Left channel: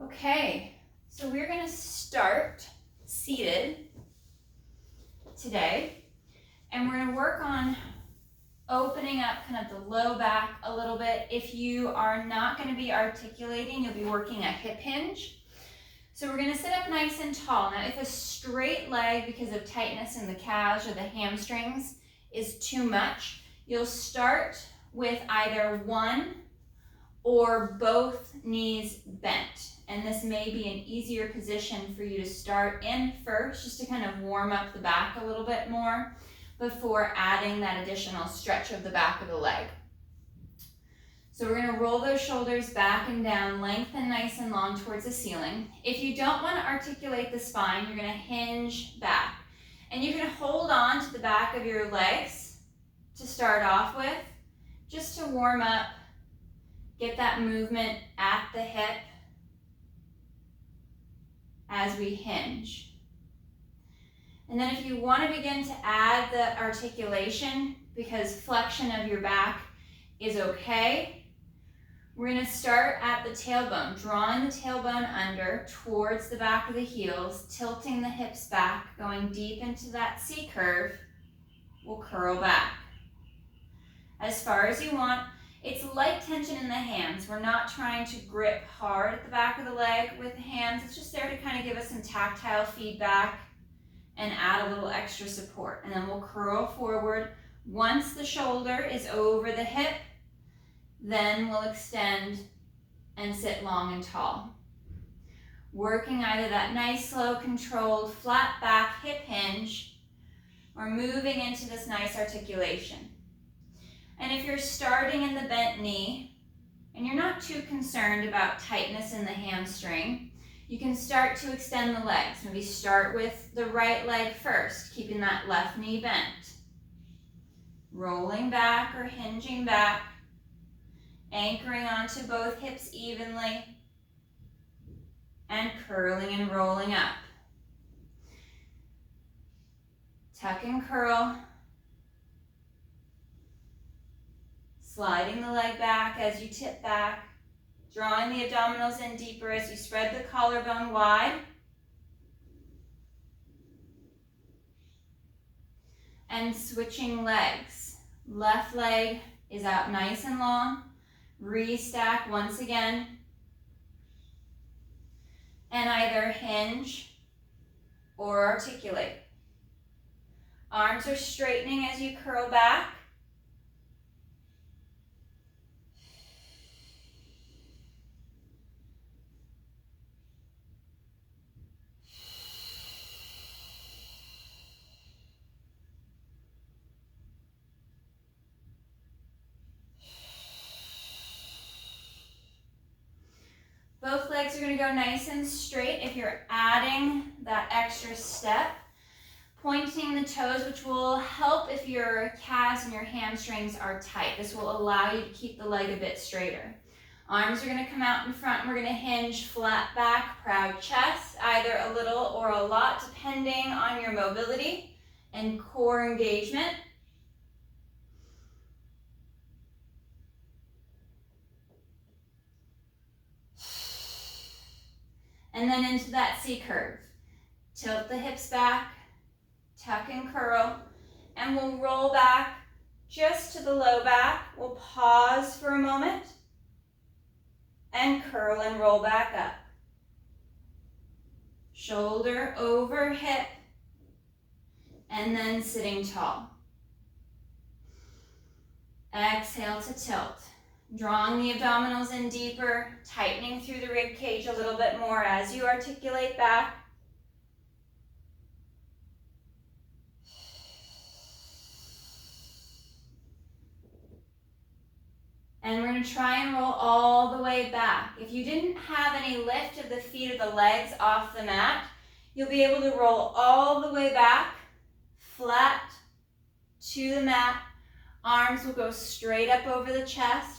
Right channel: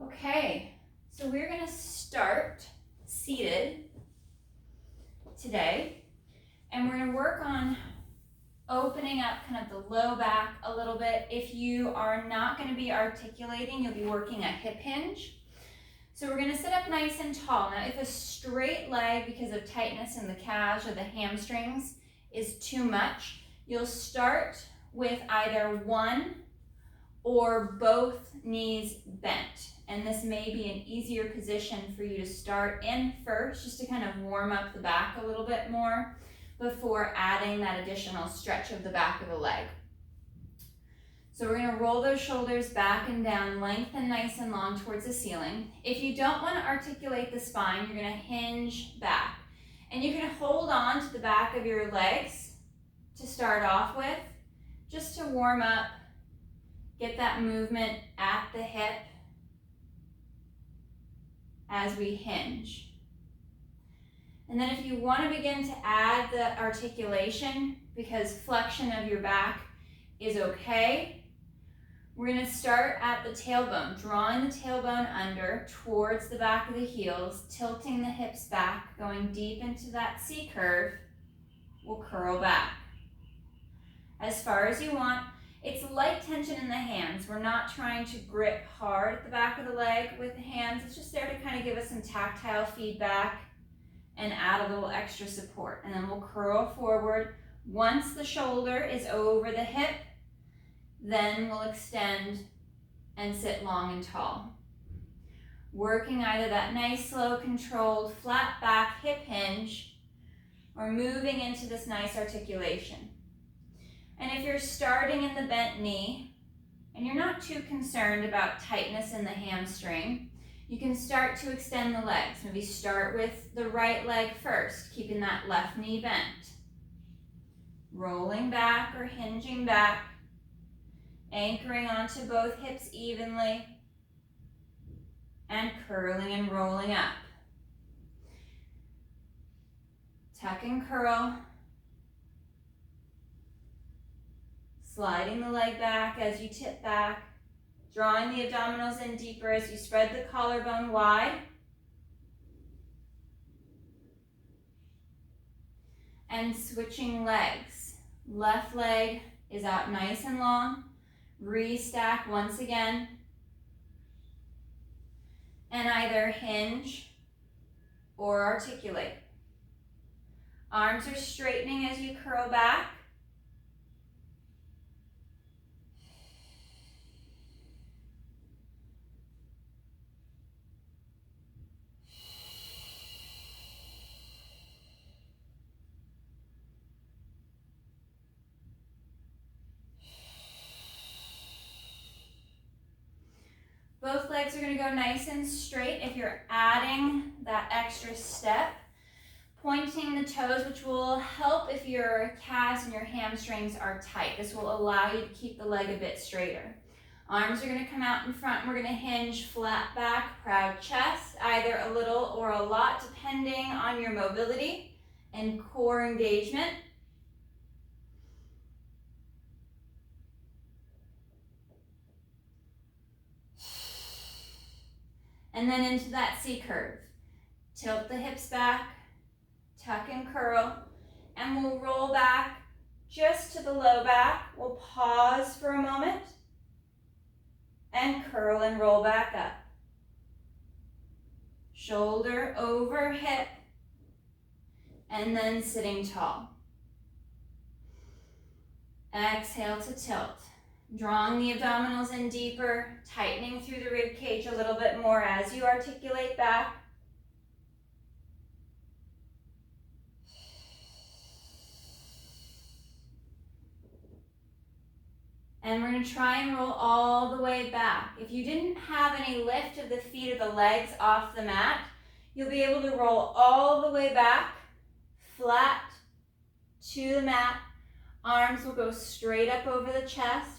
Okay, so we're going to start seated today, and we're going to work on opening up kind of the low back a little bit. If you are not going to be articulating, you'll be working a hip hinge. So we're going to sit up nice and tall. Now, if a straight leg, because of tightness in the calves or the hamstrings, is too much, you'll start with either one or both knees bent. And this may be an easier position for you to start in first, just to kind of warm up the back a little bit more before adding that additional stretch of the back of the leg. So we're going to roll those shoulders back and down, lengthen nice and long towards the ceiling. If you don't want to articulate the spine, you're going to hinge back. And you can hold on to the back of your legs to start off with, just to warm up, get that movement at the hip as we hinge. And then if you want to begin to add the articulation, because flexion of your back is okay, we're going to start at the tailbone, drawing the tailbone under towards the back of the heels, tilting the hips back, going deep into that C curve. We'll curl back as far as you want. It's light tension in the hands. We're not trying to grip hard at the back of the leg with the hands. It's just there to kind of give us some tactile feedback and add a little extra support. And then we'll curl forward. Once the shoulder is over the hip, then we'll extend and sit long and tall. Working either that nice, slow, controlled, flat back hip hinge, or moving into this nice articulation. And if you're starting in the bent knee, and you're not too concerned about tightness in the hamstring, you can start to extend the legs. Maybe start with the right leg first, keeping that left knee bent. Rolling back or hinging back, anchoring onto both hips evenly, and curling and rolling up. Tuck and curl. Sliding the leg back as you tip back, drawing the abdominals in deeper as you spread the collarbone wide. And switching legs. Left leg is out nice and long. Restack once again. And either hinge or articulate. Arms are straightening as you curl back. Both legs are going to go nice and straight. If you're adding that extra step, pointing the toes, which will help if your calves and your hamstrings are tight. This will allow you to keep the leg a bit straighter. Arms are going to come out in front, and we're going to hinge flat back, proud chest, either a little or a lot, depending on your mobility and core engagement. And then into that C curve. Tilt the hips back, tuck and curl, and we'll roll back just to the low back. We'll pause for a moment and curl and roll back up. Shoulder over hip, and then sitting tall. Exhale to tilt. Drawing the abdominals in deeper, tightening through the rib cage a little bit more as you articulate back. And we're going to try and roll all the way back. If you didn't have any lift of the feet or the legs off the mat, you'll be able to roll all the way back, flat to the mat. Arms will go straight up over the chest.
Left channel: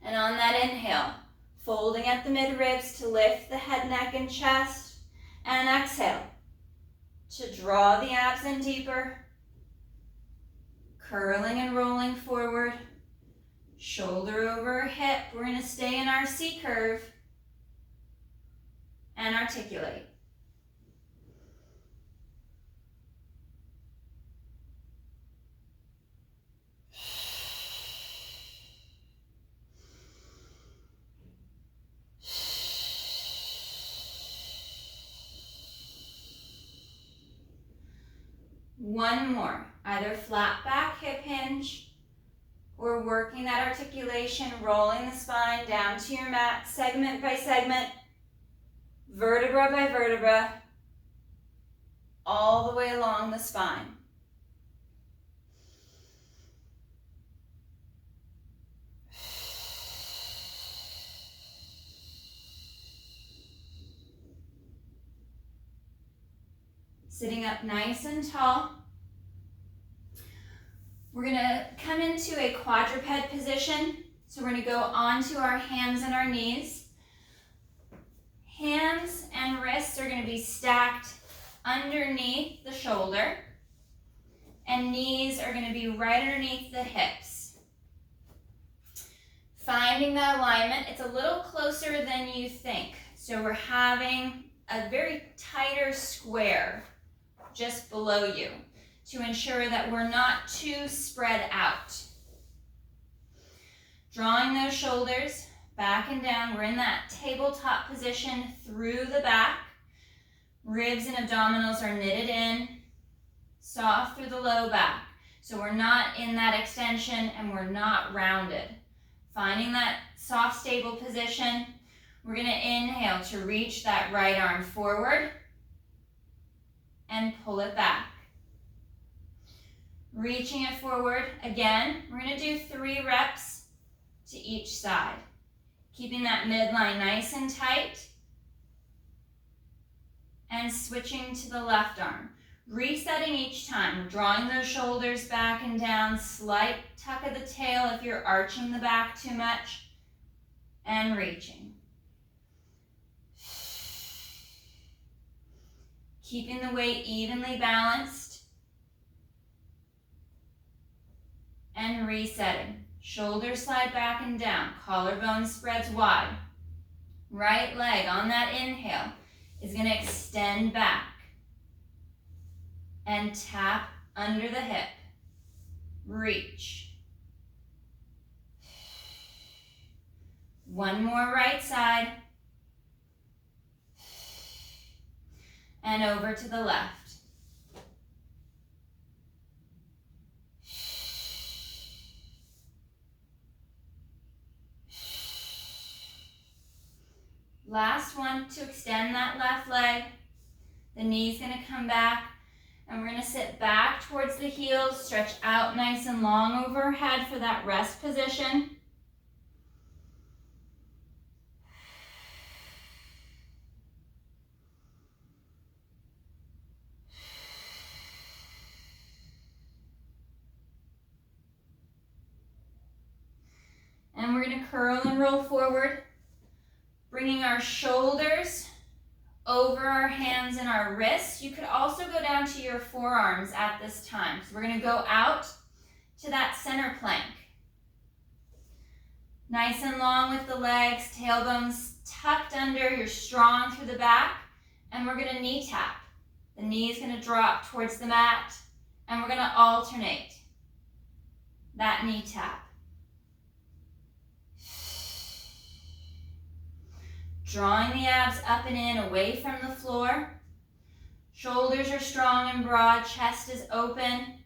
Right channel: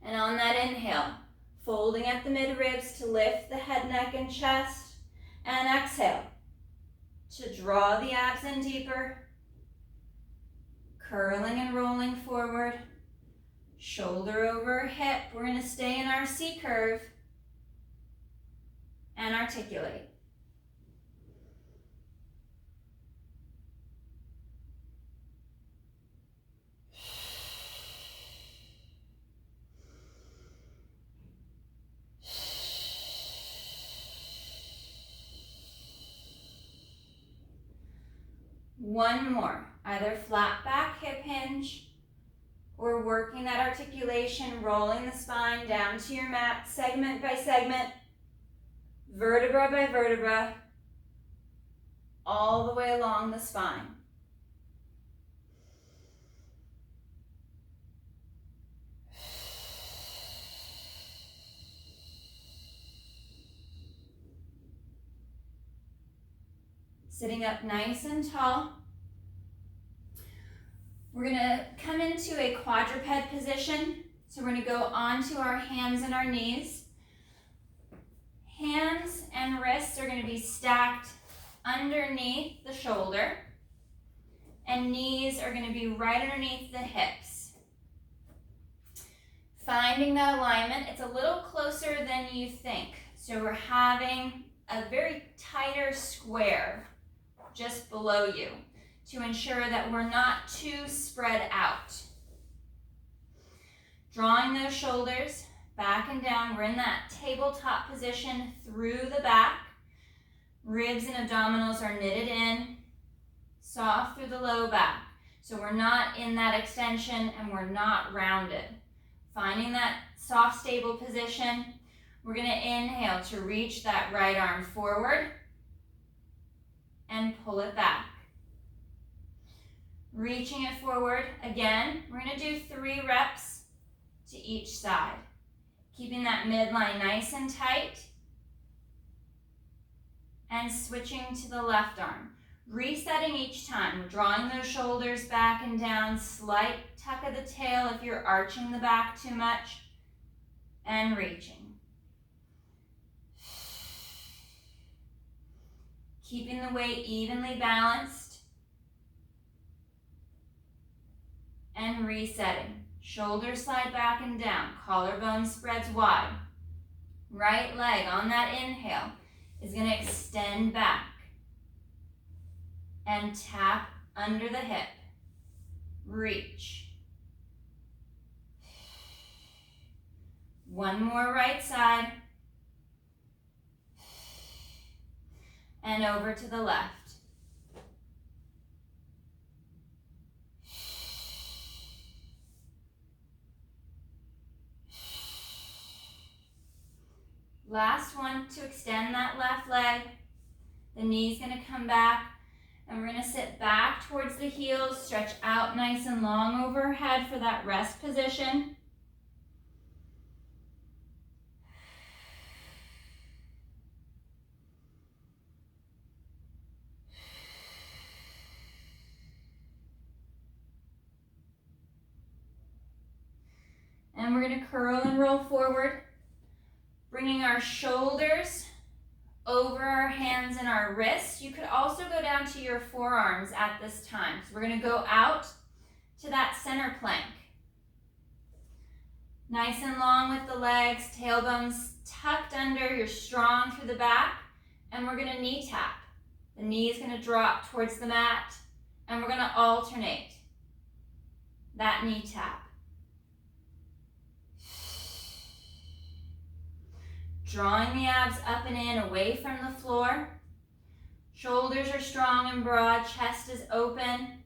And on that inhale, folding at the mid-ribs to lift the head, neck, and chest. And exhale to draw the abs in deeper. Curling and rolling forward. Shoulder over hip. We're going to stay in our C curve. and articulate. One more, either flat back hip hinge or working that articulation, rolling the spine down to your mat, segment by segment, vertebra by vertebra, all the way along the spine. Sitting up nice and tall. We're gonna come into a quadruped position. So we're gonna go onto our hands and our knees. Hands and wrists are gonna be stacked underneath the shoulder, and knees are gonna be right underneath the hips. Finding that alignment, it's a little closer than you think. So we're having a very tighter square just below you to ensure that we're not too spread out. Drawing those shoulders back and down. We're in that tabletop position through the back. Ribs and abdominals are knitted in, soft through the low back. So we're not in that extension and we're not rounded. Finding that soft, stable position. We're gonna inhale to reach that right arm forward and pull it back. Reaching it forward again. We're gonna do 3 reps to each side. Keeping that midline nice and tight. And switching to the left arm. Resetting each time, drawing those shoulders back and down, slight tuck of the tail if you're arching the back too much, and reaching. Keeping the weight evenly balanced, and resetting. Shoulders slide back and down, collarbone spreads wide. Right leg on that inhale is going to extend back and tap under the hip. Reach. One more right side. And over to the left. Last one to extend that left leg. The knee's gonna come back and we're gonna sit back towards the heels, stretch out nice and long overhead for that rest position. And we're gonna curl and roll forward, bringing our shoulders over our hands and our wrists. You could also go down to your forearms at this time. So we're gonna go out to that center plank. Nice and long with the legs, tailbones tucked under, you're strong through the back, and we're gonna knee tap. The knee is gonna drop towards the mat, and we're gonna alternate that knee tap. Drawing the abs up and in, away from the floor. Shoulders are strong and broad, chest is open.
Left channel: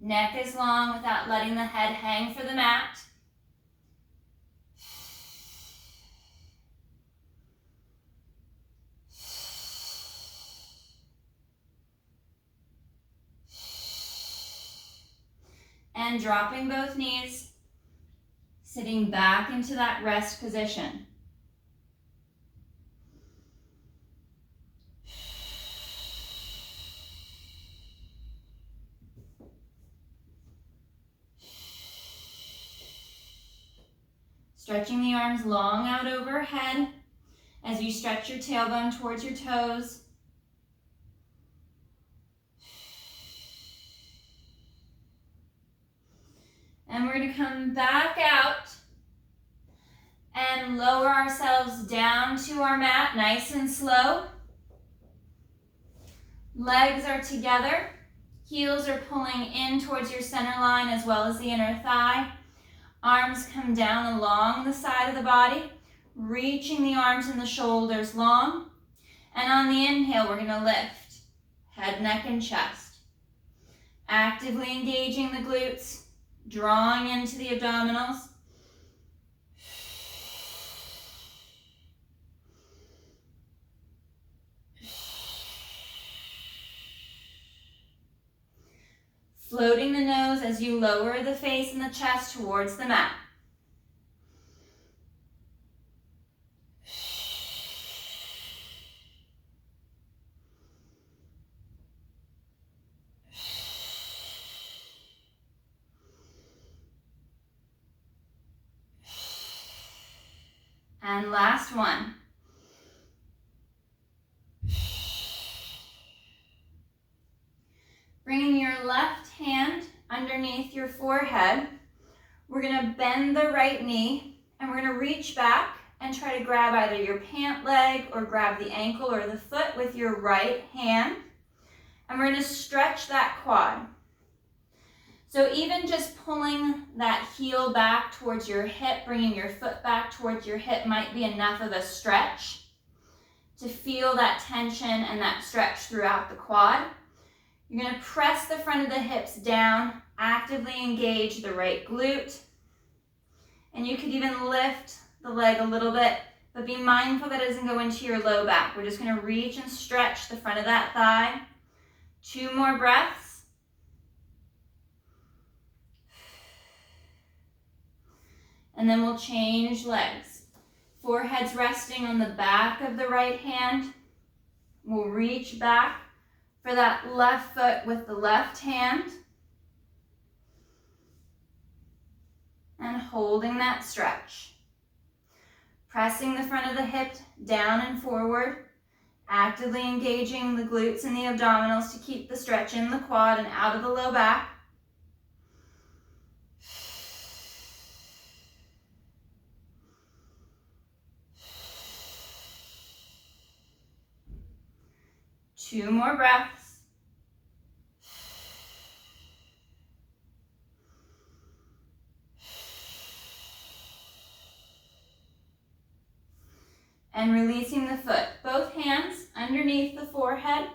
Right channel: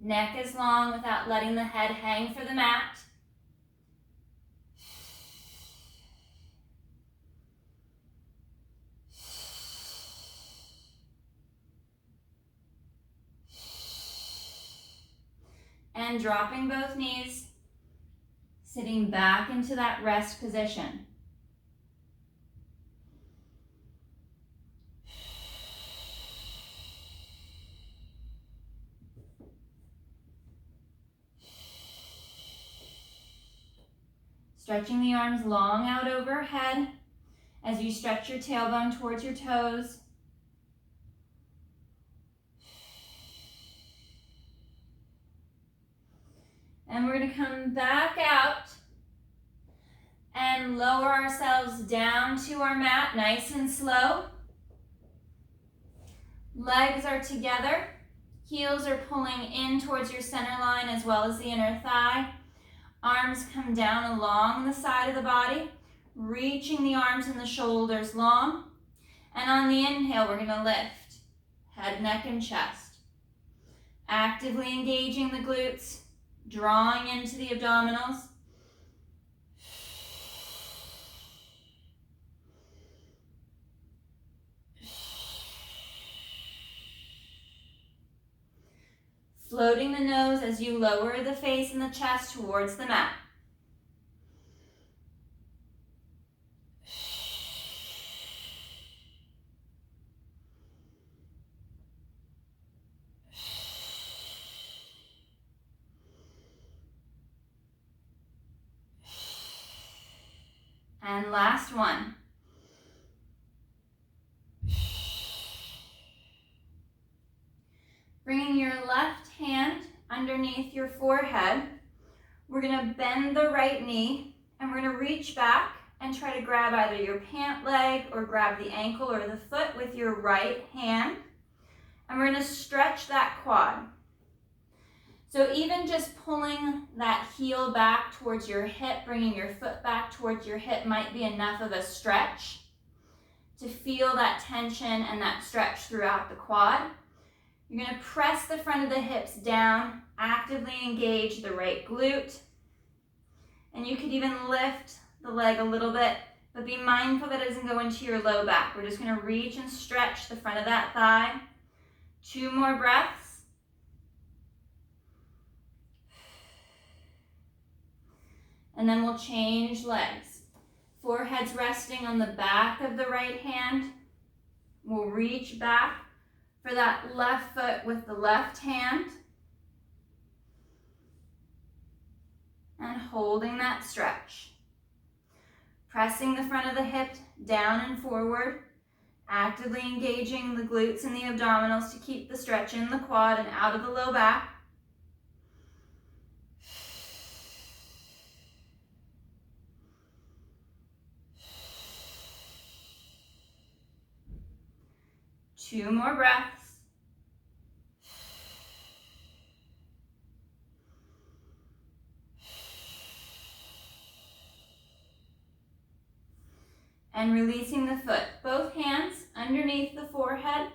Neck is long without letting the head hang for the mat. And dropping both knees. Sitting back into that rest position. Stretching the arms long out overhead as you stretch your tailbone towards your toes. And we're going to come back out And lower ourselves down to our mat, nice and slow. Legs are together. Heels are pulling in towards your center line as well as the inner thigh. Arms come down along the side of the body, reaching the arms and the shoulders long. And on the inhale, we're gonna lift head, neck, and chest. Actively engaging the glutes, drawing into the abdominals. Floating the nose as you lower the face and the chest towards the mat. And last one. Bringing your left hand underneath your forehead, we're gonna bend the right knee and we're gonna reach back and try to grab either your pant leg or grab the ankle or the foot with your right hand. And we're gonna stretch that quad. So even just pulling that heel back towards your hip, bringing your foot back towards your hip might be enough of a stretch to feel that tension and that stretch throughout the quad. You're gonna press the front of the hips down, actively engage the right glute. And you could even lift the leg a little bit, but be mindful that it doesn't go into your low back. We're just gonna reach and stretch the front of that thigh. 2 more breaths. And then we'll change legs. Forehead's resting on the back of the right hand. We'll reach back for that left foot with the left hand. And holding that stretch. Pressing the front of the hip down and forward. Actively engaging the glutes and the abdominals to keep the stretch in the quad and out of the low back. Two more breaths. And releasing the foot. Both hands underneath the forehead.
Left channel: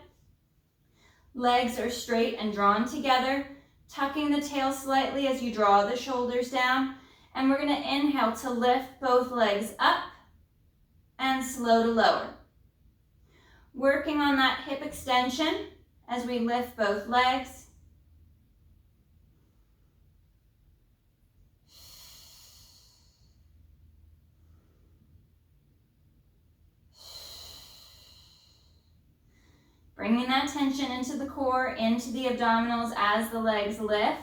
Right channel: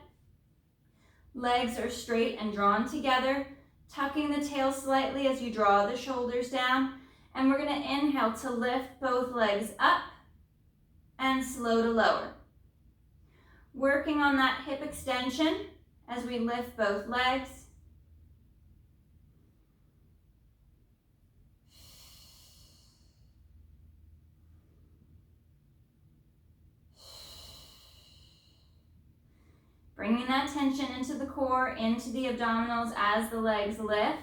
Legs are straight and drawn together, tucking the tail slightly as you draw the shoulders down. And we're going to inhale to lift both legs up and slow to lower. Working on that hip extension as we lift both legs. Bringing that tension into the core, into the abdominals as the legs lift.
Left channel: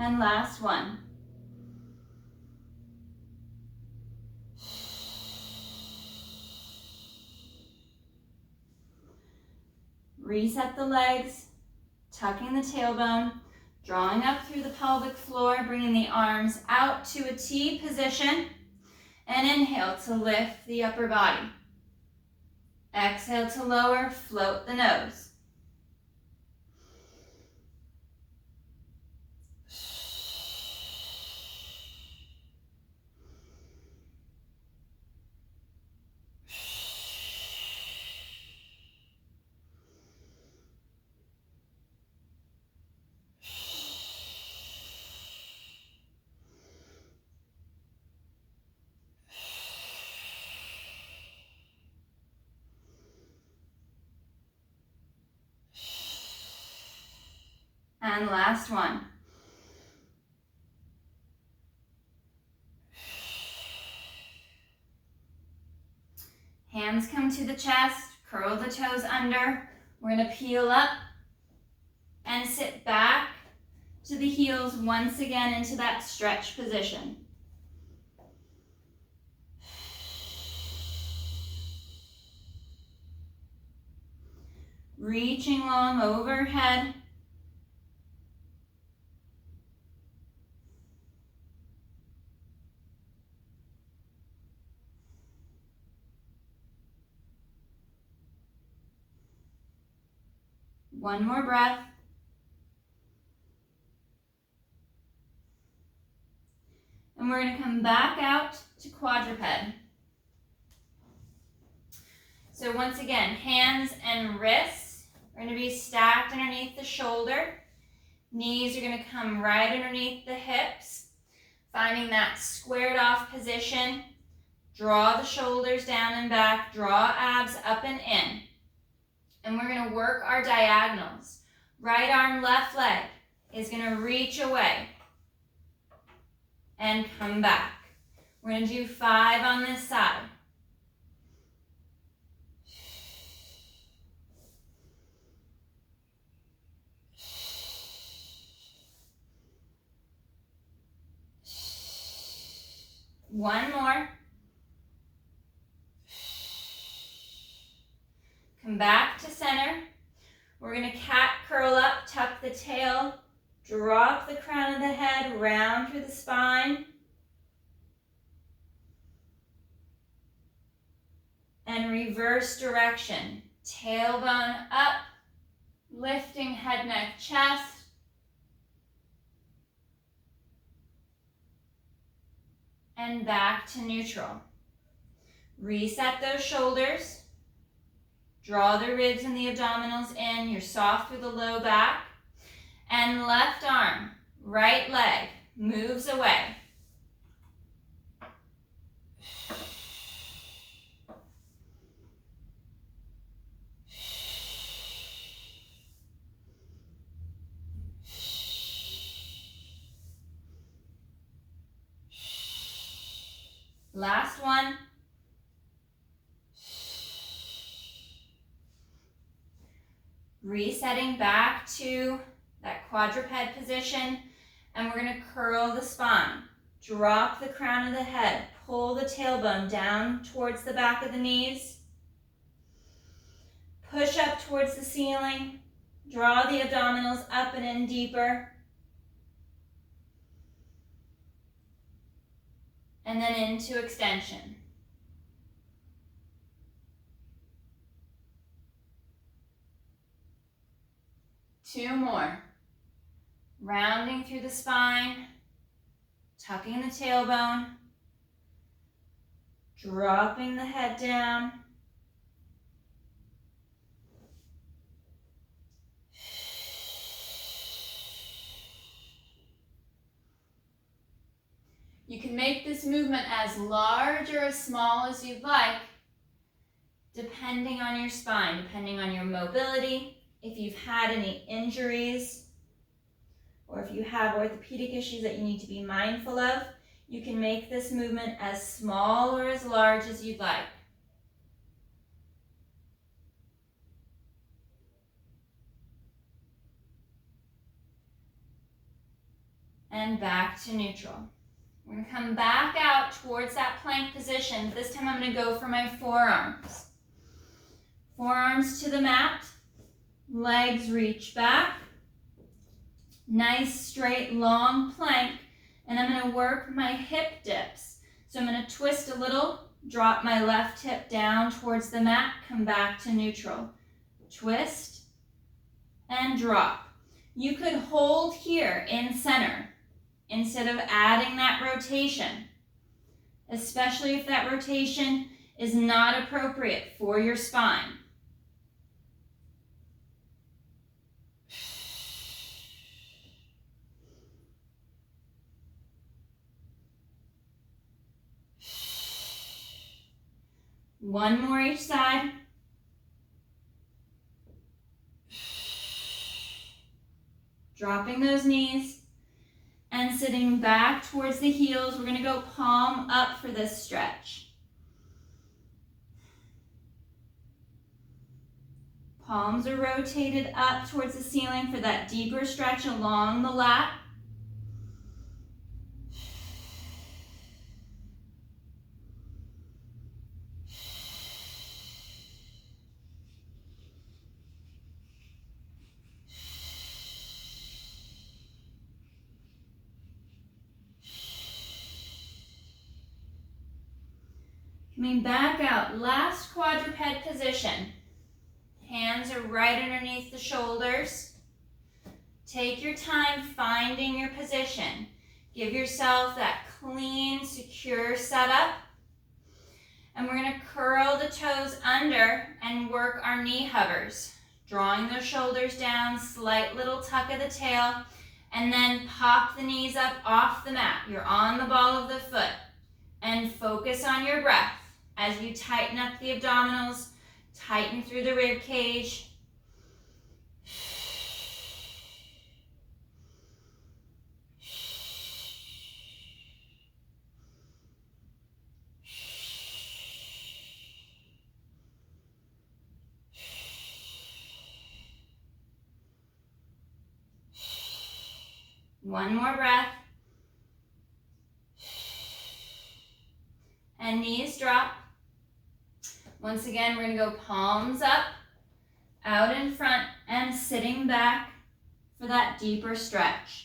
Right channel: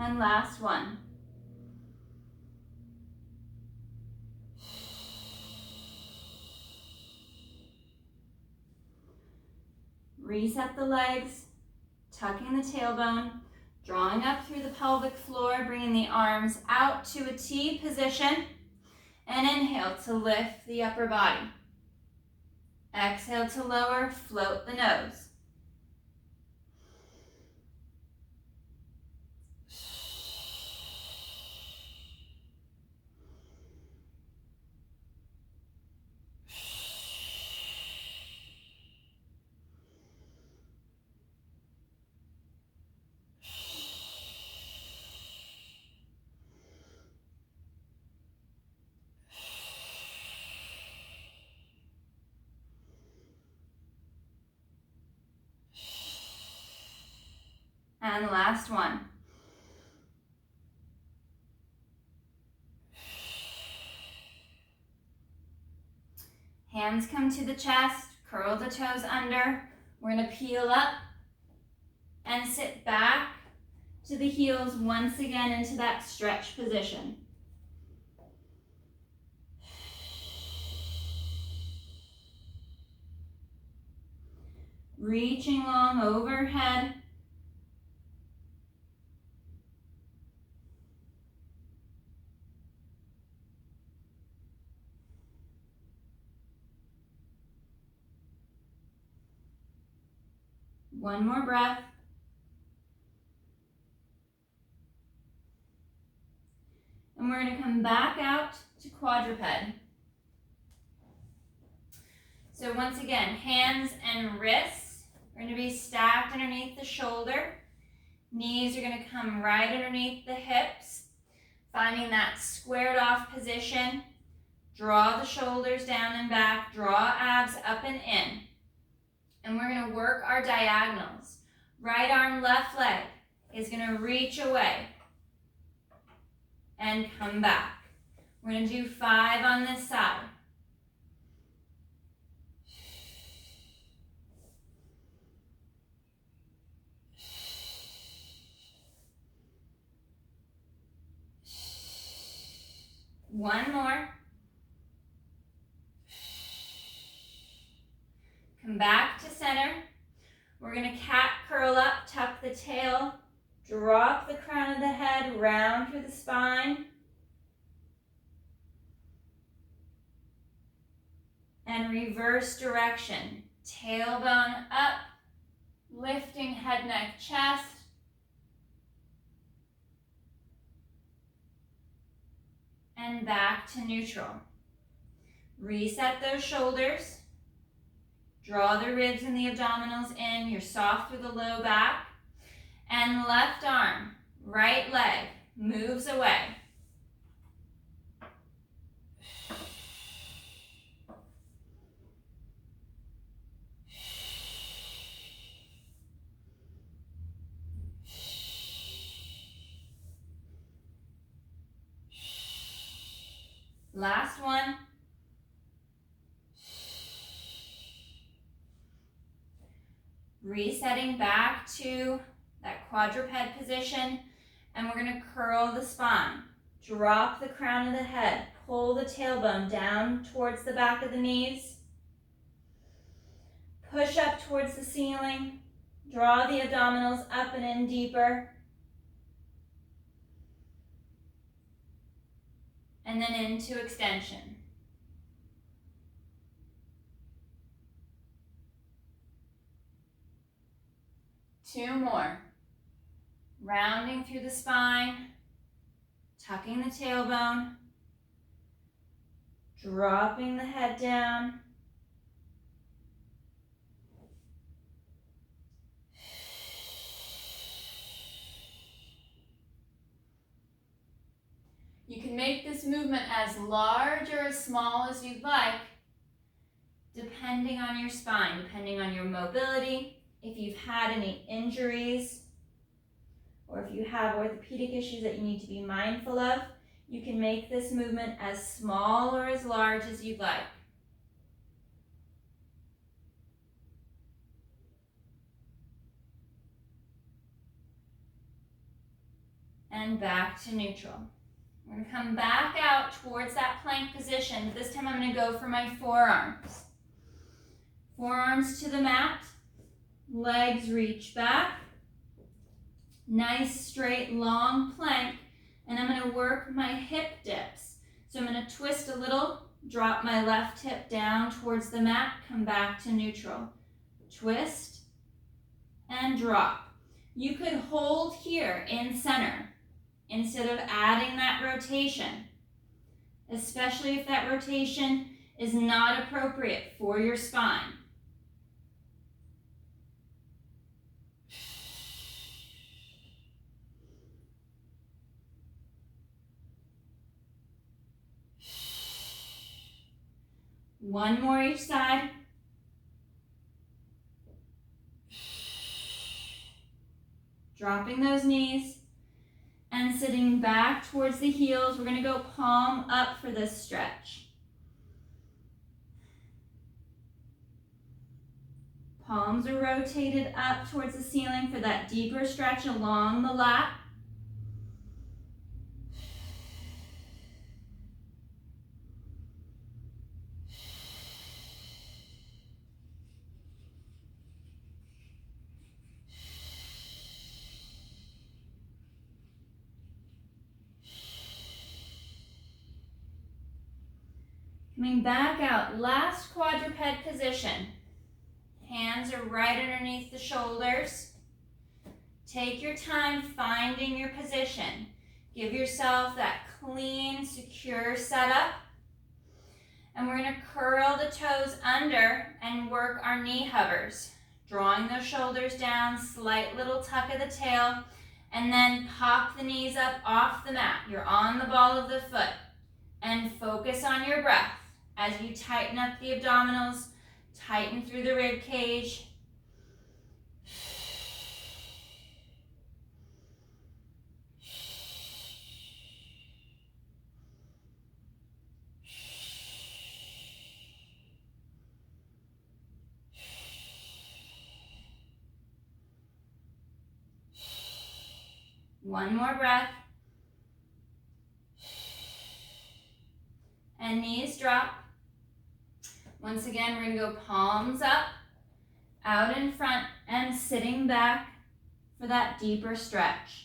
And last one. Reset the legs, tucking the tailbone, drawing up through the pelvic floor, bringing the arms out to a T position, and inhale to lift the upper body. Exhale to lower, float the nose. And last one. Hands come to the chest, curl the toes under. We're going to peel up and sit back to the heels once again into that stretch position. reaching long overhead. One more breath. And we're going to come back out to quadruped. So once again, hands and wrists are going to be stacked underneath the shoulder. Knees are going to come right underneath the hips, finding that squared off position. Draw the shoulders down and back, draw abs up and in. And we're going to work our diagonals. Right arm, left leg is going to reach away and come back. We're going to do 5 on this side. One more. Come back to center. We're going to cat curl up, tuck the tail, drop the crown of the head, round through the spine. And reverse direction. Tailbone up, lifting head, neck, chest. And back to neutral. Reset those shoulders. Draw the ribs and the abdominals in. You're soft through the low back. And left arm, right leg moves away. Last one. Resetting back to that quadruped position, and we're going to curl the spine. Drop the crown of the head, pull the tailbone down towards the back of the knees. Push up towards the ceiling. Draw the abdominals up and in deeper. And then into extension. Two more. Rounding through the spine, tucking the tailbone, dropping the head down. You can make this movement as large or as small as you'd like, depending on your spine, depending on your mobility, if you've had any injuries, or if you have orthopedic issues that you need to be mindful of. You can make this movement as small or as large as you'd like. And back to neutral. We're going to come back out towards that plank position. This time I'm going to go for my forearms. Forearms to the mat. Legs reach back. Nice, straight, long plank. And I'm going to work my hip dips. So I'm going to twist a little, drop my left hip down towards the mat, come back to neutral. Twist and drop. You could hold here in center instead of adding that rotation, especially if that rotation is not appropriate for your spine. One more each side. Dropping those knees and sitting back towards the heels. We're going to go palm up for this stretch. Palms are rotated up towards the ceiling for that deeper stretch along the lat. Coming back out, last quadruped position. Hands are right underneath the shoulders. Take your time finding your position. Give yourself that clean, secure setup. And we're going to curl the toes under and work our knee hovers. Drawing those shoulders down, slight little tuck of the tail, and then pop the knees up off the mat. You're on the ball of the foot. And focus on your breath as you tighten up the abdominals, tighten through the rib cage. One more breath. And knees drop. Once again, we're going to go palms up, out in front, and sitting back for that deeper stretch.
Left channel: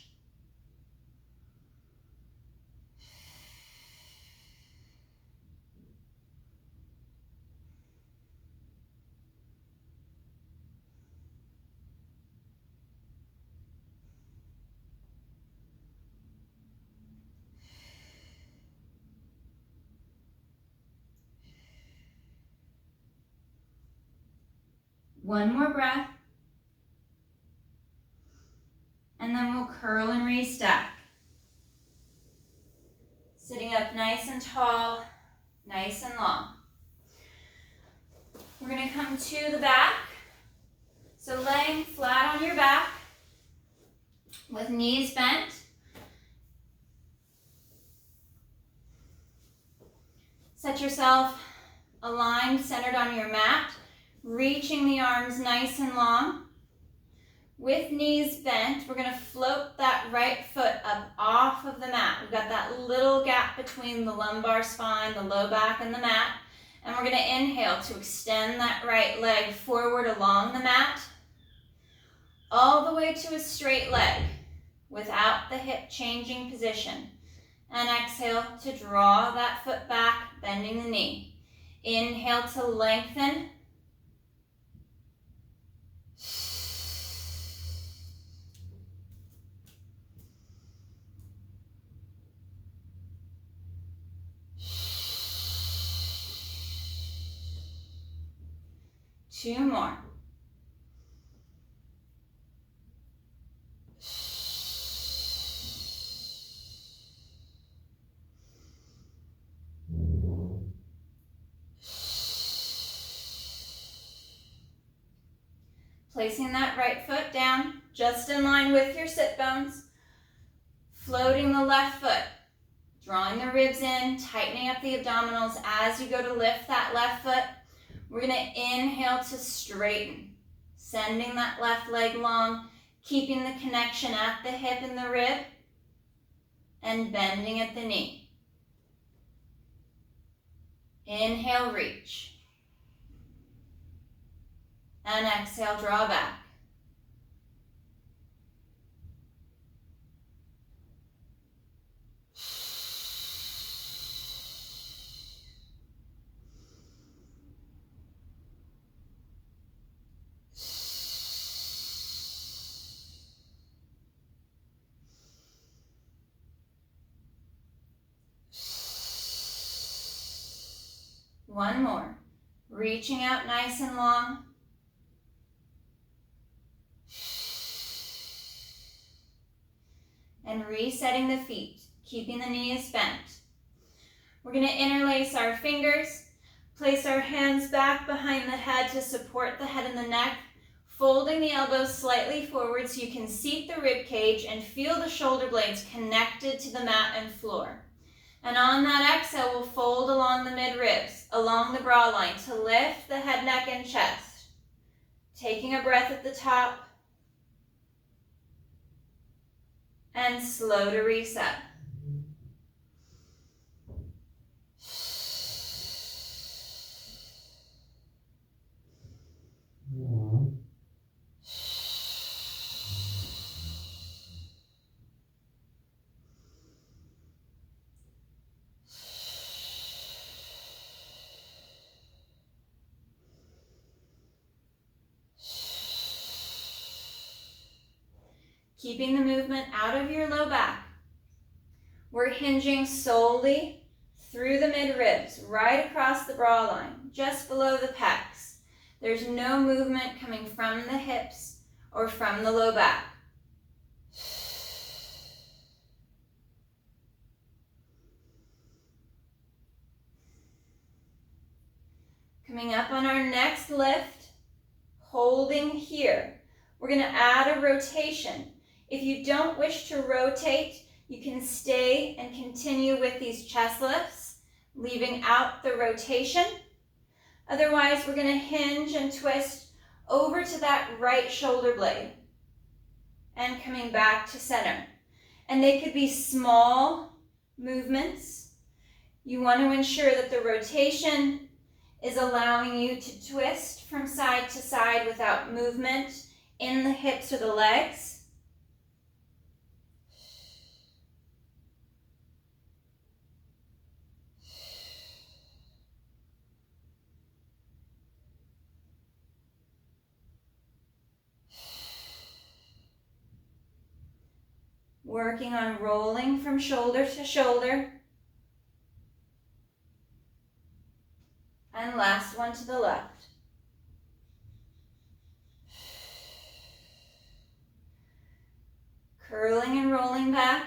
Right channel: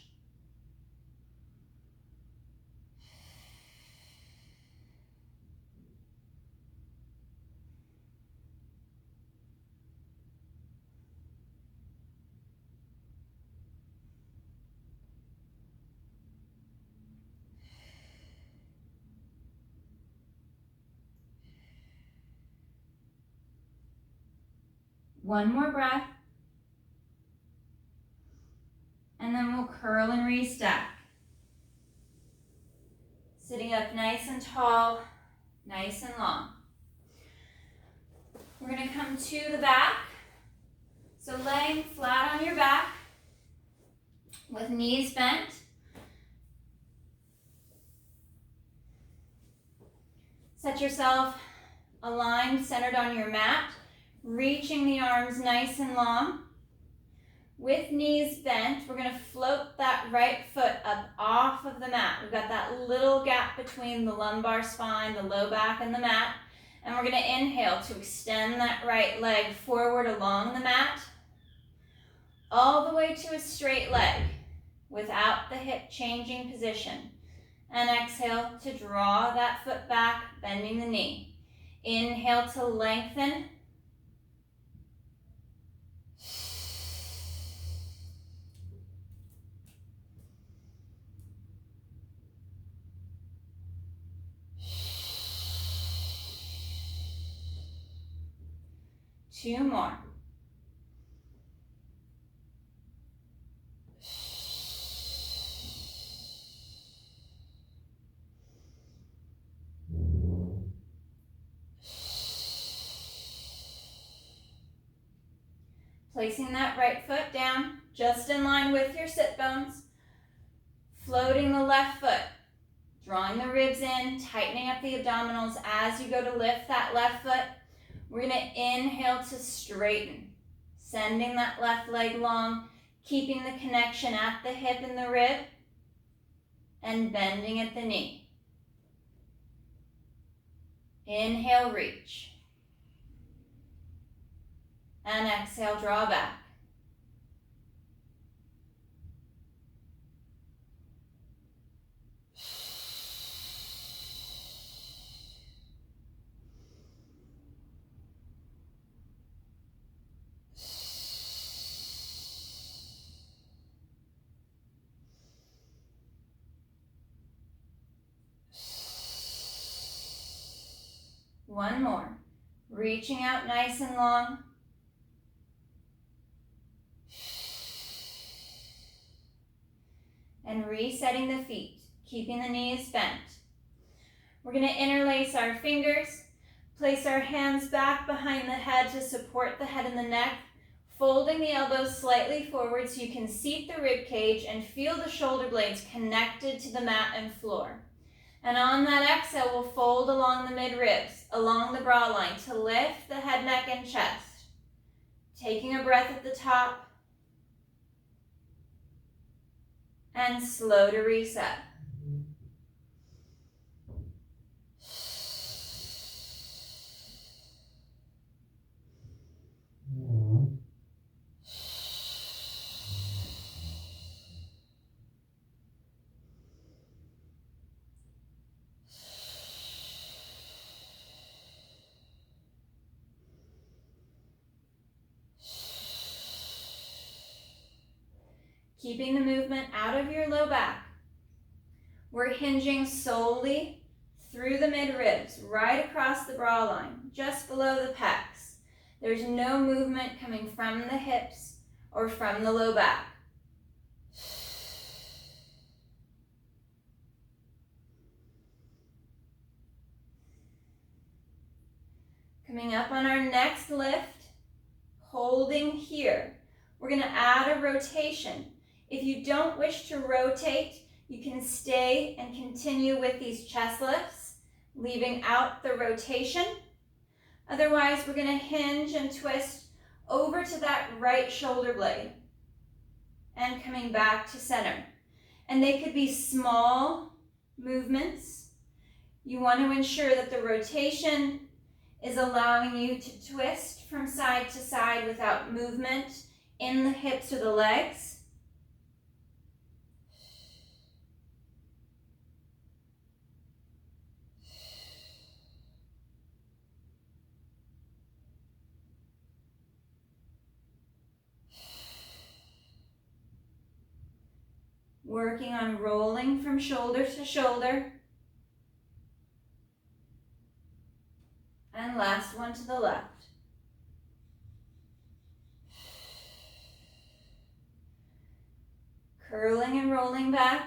One more breath. And then we'll curl and restack. Sitting up nice and tall, nice and long. We're going to come to the back. So laying flat on your back with knees bent. Set yourself aligned, centered on your mat, reaching the arms nice and long. With knees bent, we're going to float that right foot up off of the mat. We've got that little gap between the lumbar spine, the low back, and the mat. And we're going to inhale to extend that right leg forward along the mat, all the way to a straight leg without the hip changing position. And exhale to draw that foot back, bending the knee. Inhale to lengthen. Two more. Placing that right foot down, just in line with your sit bones. Floating the left foot. Drawing the ribs in, tightening up the abdominals as you go to lift that left foot. We're going to inhale to straighten, sending that left leg long, keeping the connection at the hip and the rib, and bending at the knee. Inhale, reach. And exhale, draw back. One more. Reaching out nice and long. And resetting the feet, keeping the knees bent. We're going to interlace our fingers, place our hands back behind the head to support the head and the neck, folding the elbows slightly forward so you can seat the rib cage and feel the shoulder blades connected to the mat and floor. And on that exhale, we'll fold along the mid-ribs, along the bra line to lift the head, neck, and chest. Taking a breath at the top. And slow to reset. keeping the movement out of your low back. We're hinging solely through the mid-ribs, right across the bra line, just below the pecs. There's no movement coming from the hips or from the low back. Coming up on our next lift, holding here. We're going to add a rotation. If you don't wish to rotate, you can stay and continue with these chest lifts, leaving out the rotation. Otherwise, we're going to hinge and twist over to that right shoulder blade and coming back to center. And they could be small movements. You want to ensure that the rotation is allowing you to twist from side to side without movement in the hips or the legs. Working on rolling from shoulder to shoulder. And last one to the left. Curling and rolling back.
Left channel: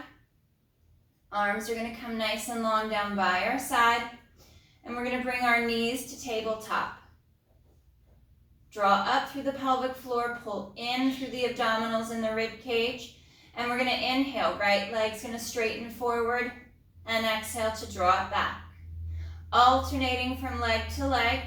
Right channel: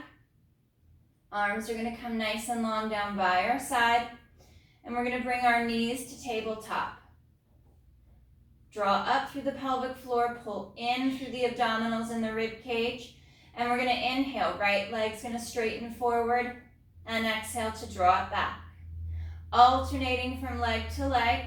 Arms are going to come nice and long down by our side. And we're going to bring our knees to tabletop. Draw up through the pelvic floor, pull in through the abdominals and the rib cage. And we're going to inhale, right leg's going to straighten forward, and exhale to draw it back. Alternating from leg to leg.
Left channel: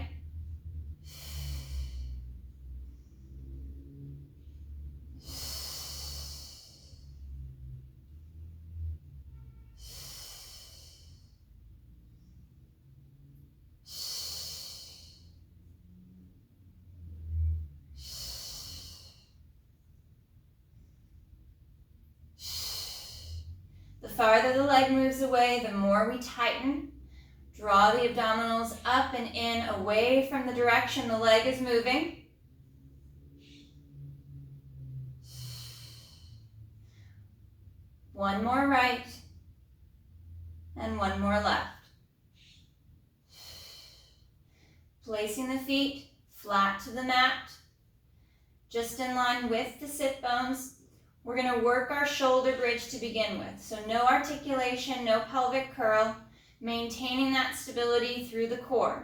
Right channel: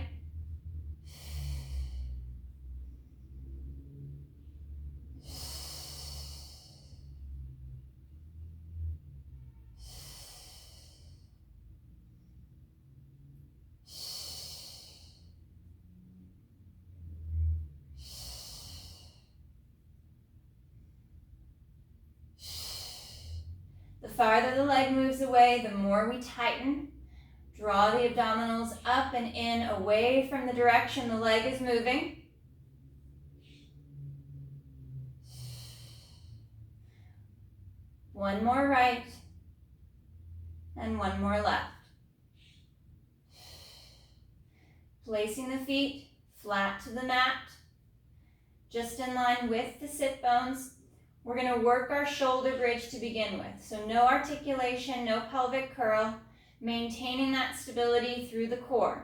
The farther the leg moves away, the more we tighten. Draw the abdominals up and in, away from the direction the leg is moving. One more right, and one more left. Placing the feet flat to the mat, just in line with the sit bones. We're going to work our shoulder bridge to begin with. So no articulation, no pelvic curl, maintaining that stability through the core.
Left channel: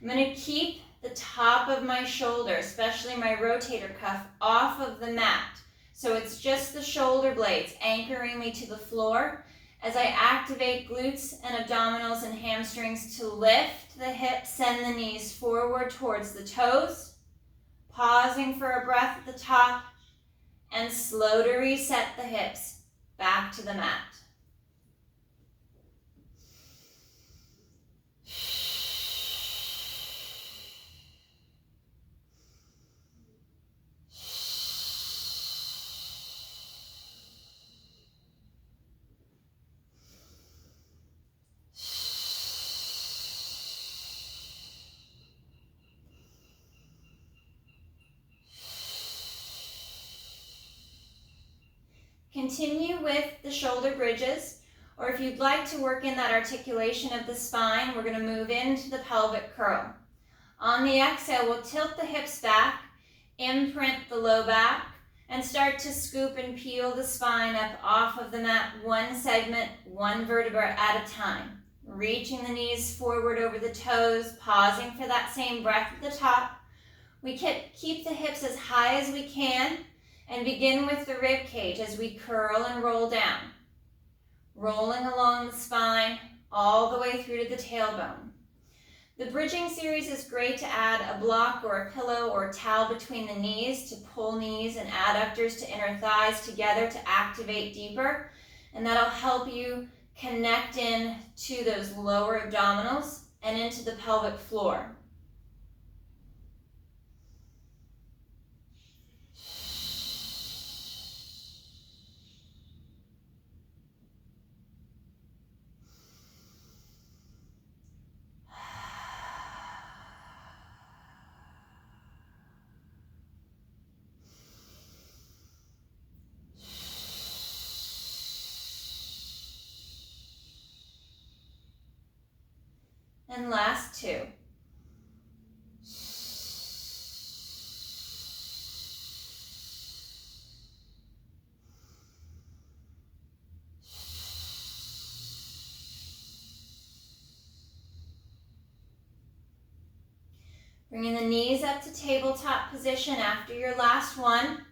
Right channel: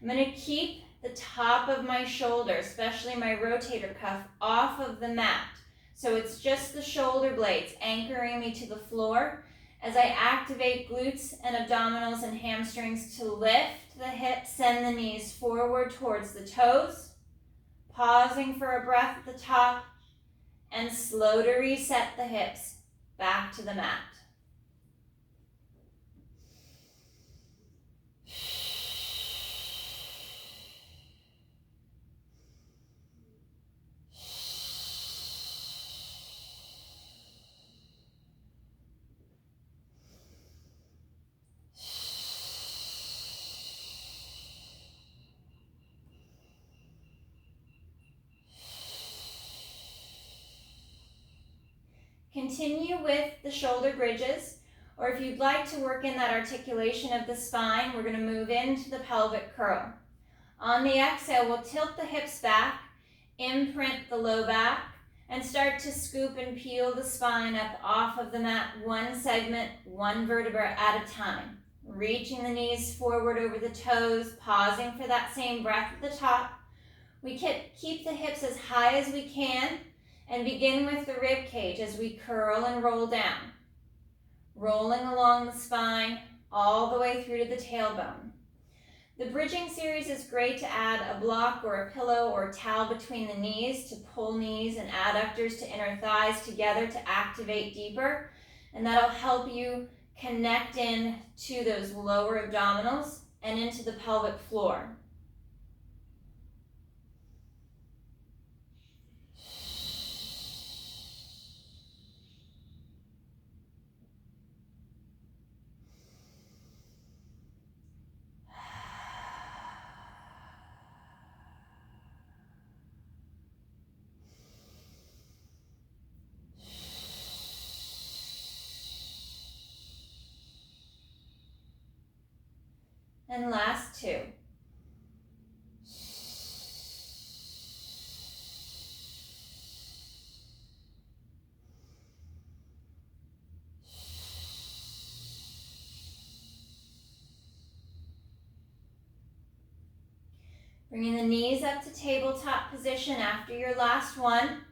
I'm going to keep the top of my shoulder, especially my rotator cuff, off of the mat. So it's just the shoulder blades anchoring me to the floor as I activate glutes and abdominals and hamstrings to lift the hips, send the knees forward towards the toes, pausing for a breath at the top, and slow to reset the hips back to the mat. Continue with the shoulder bridges, or if you'd like to work in that articulation of the spine, we're going to move into the pelvic curl. On the exhale, we'll tilt the hips back, imprint the low back, and start to scoop and peel the spine up off of the mat, one segment, one vertebra at a time. Reaching the knees forward over the toes, pausing for that same breath at the top. We keep the hips as high as we can, and begin with the rib cage as we curl and roll down. Rolling along the spine all the way through to the tailbone. The bridging series is great to add a block or a pillow or a towel between the knees to pull knees and adductors to inner thighs together to activate deeper. And that'll help you connect in to those lower abdominals and into the pelvic floor. And last 2. Bringing the knees up to tabletop position after your last one.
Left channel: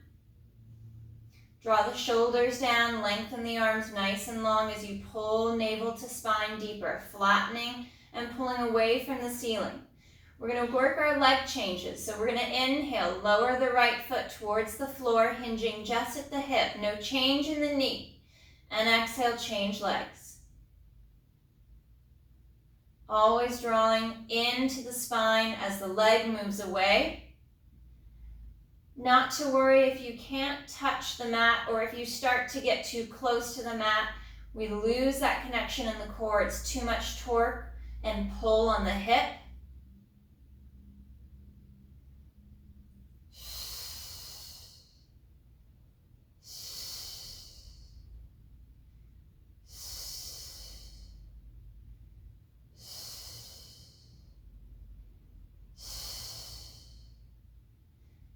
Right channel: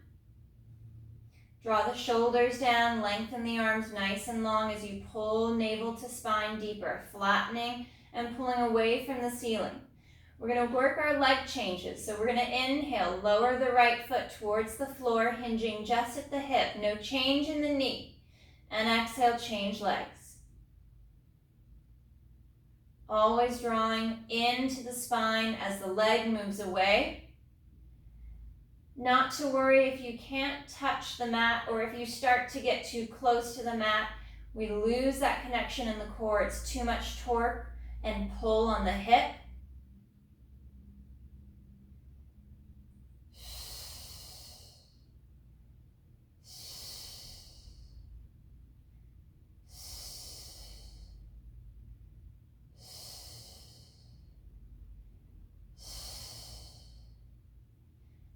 Draw the shoulders down, lengthen the arms nice and long as you pull navel to spine deeper, flattening and pulling away from the ceiling. We're going to work our leg changes. So we're going to inhale, lower the right foot towards the floor, hinging just at the hip. No change in the knee. And exhale, change legs. Always drawing into the spine as the leg moves away. Not to worry if you can't touch the mat or if you start to get too close to the mat. We lose that connection in the core. It's too much torque and pull on the hip.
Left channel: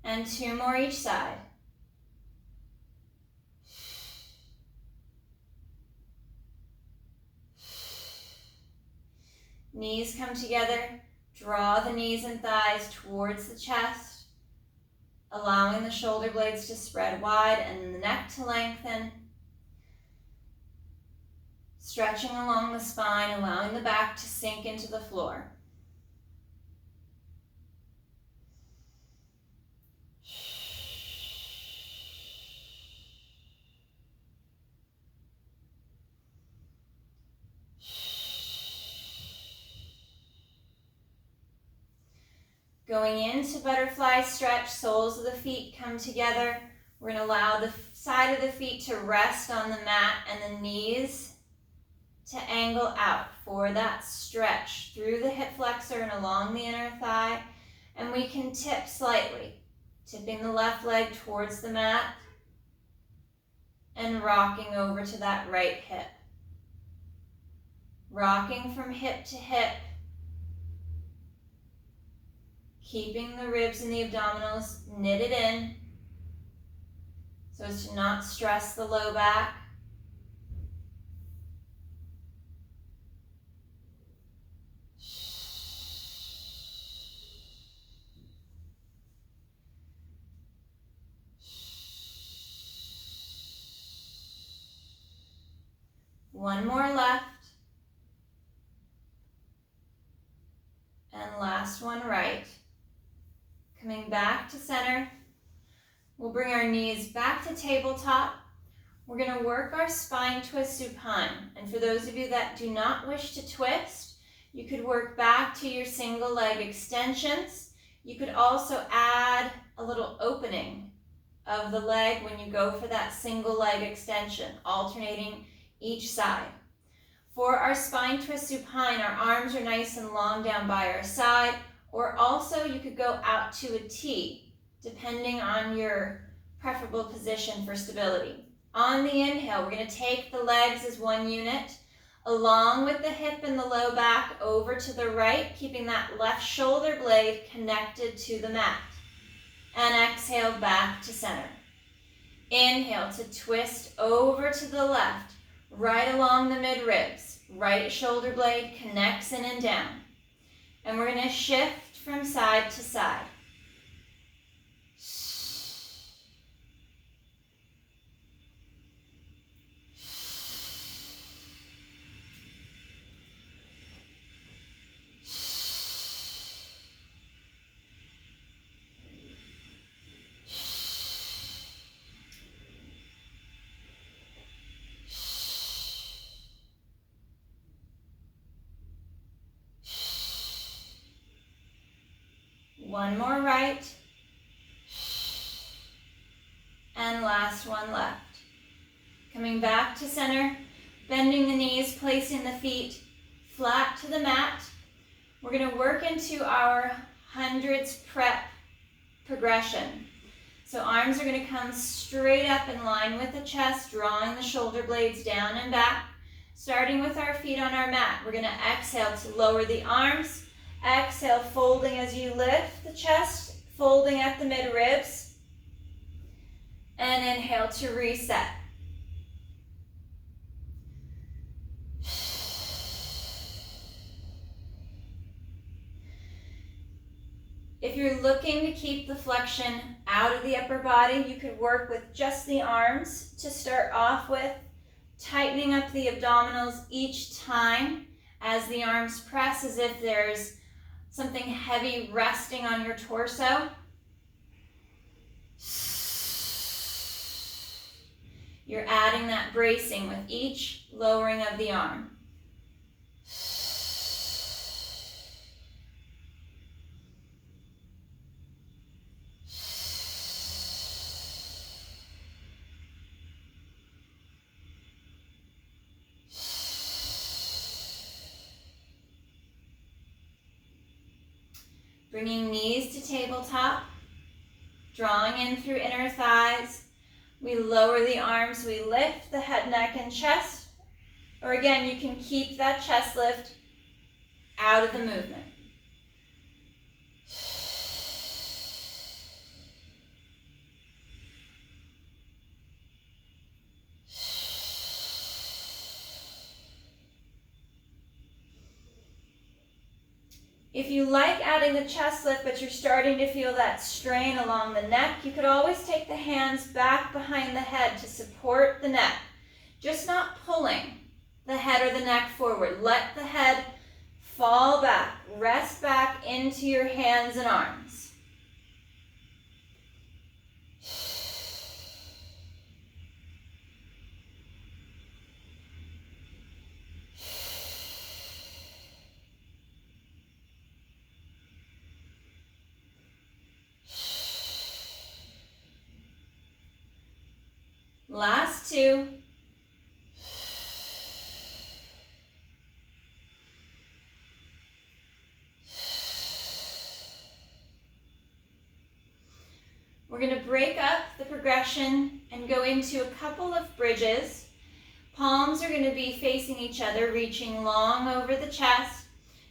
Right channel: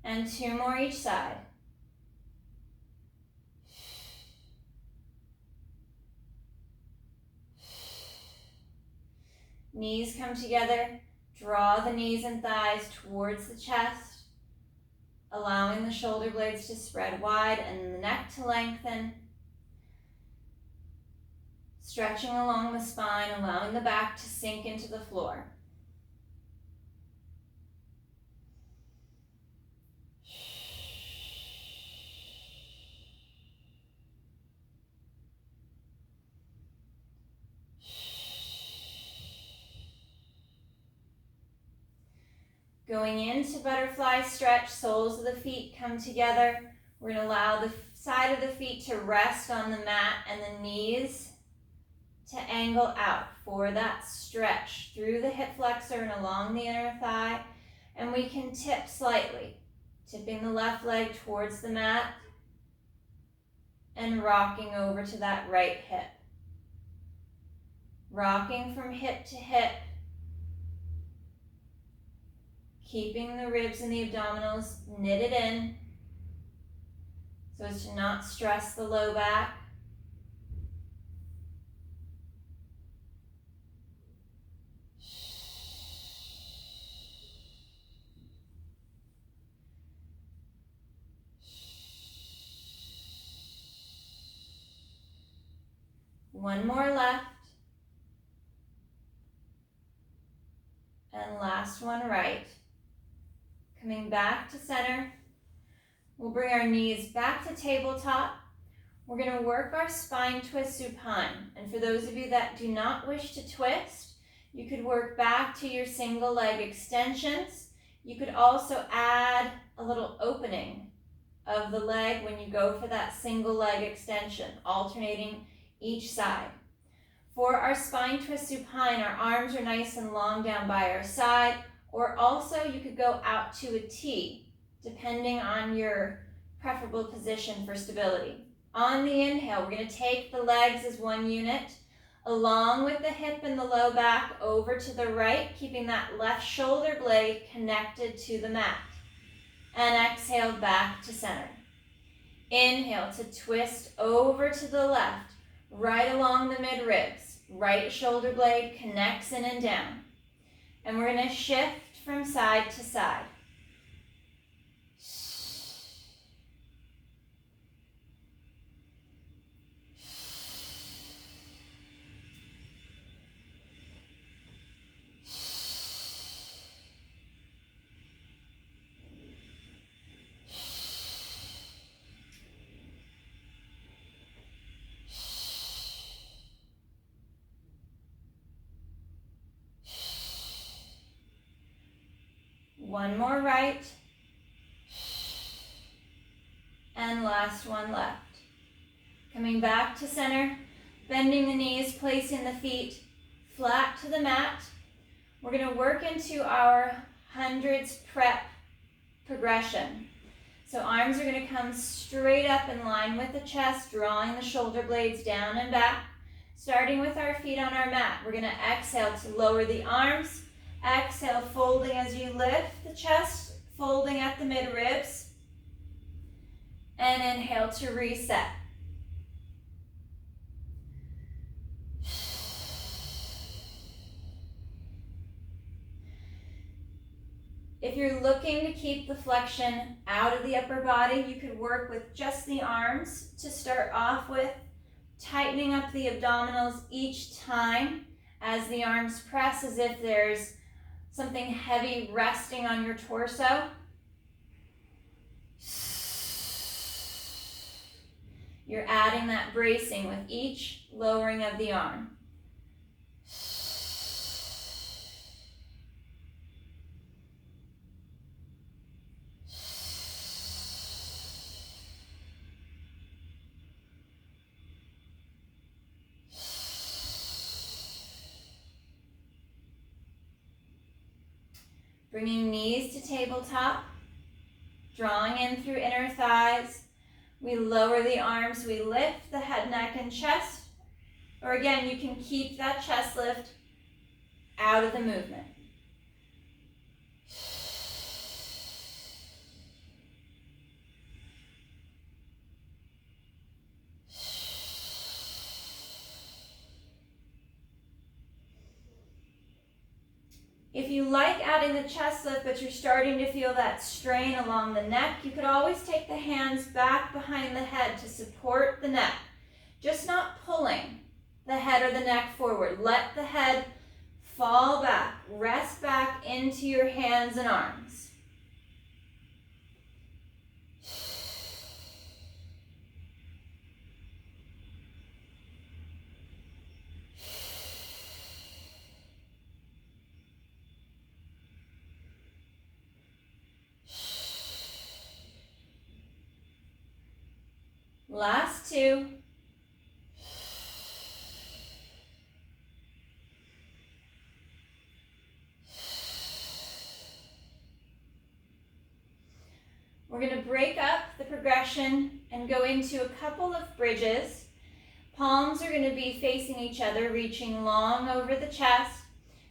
And 2 more each side. Knees come together. Draw the knees and thighs towards the chest, allowing the shoulder blades to spread wide and the neck to lengthen. Stretching along the spine, allowing the back to sink into the floor. Going into butterfly stretch, soles of the feet come together. We're going to allow the side of the feet to rest on the mat and the knees to angle out for that stretch through the hip flexor and along the inner thigh. And we can tip slightly, tipping the left leg towards the mat and rocking over to that right hip. Rocking from hip to hip. Keeping the ribs and the abdominals knitted in so as to not stress the low back. One more left. And last one right. Coming back to center, we'll bring our knees back to tabletop. We're going to work our spine twist supine. And for those of you that do not wish to twist, you could work back to your single leg extensions. You could also add a little opening of the leg when you go for that single leg extension, alternating each side. For our spine twist supine, our arms are nice and long down by our side. Or also you could go out to a T, depending on your preferable position for stability. On the inhale, we're going to take the legs as one unit, along with the hip and the low back over to the right, keeping that left shoulder blade connected to the mat. And exhale back to center. Inhale to twist over to the left, right along the mid-ribs. Right shoulder blade connects in and down. And we're going to shift from side to side. One more right, and last one left. Coming back to center, bending the knees, placing the feet flat to the mat. We're going to work into our hundreds prep progression. So arms are going to come straight up in line with the chest, drawing the shoulder blades down and back. Starting with our feet on our mat, we're going to exhale to lower the arms. Exhale, folding as you lift the chest, folding at the mid-ribs. And inhale to reset. If you're looking to keep the flexion out of the upper body, you could work with just the arms to start off with, tightening up the abdominals each time as the arms press, as if there's something heavy resting on your torso. You're adding that bracing with each lowering of the arm. Bringing knees to tabletop, drawing in through inner thighs. We lower the arms, we lift the head, neck, and chest. Or again, you can keep that chest lift out of the movement. If you like adding the chest lift, but you're starting to feel that strain along the neck, you could always take the hands back behind the head to support the neck. Just not pulling the head or the neck forward. Let the head fall back, rest back into your hands and arms. Last two. We're going to break up the progression and go into a couple of bridges. Palms are going to be facing each other, reaching long over the chest.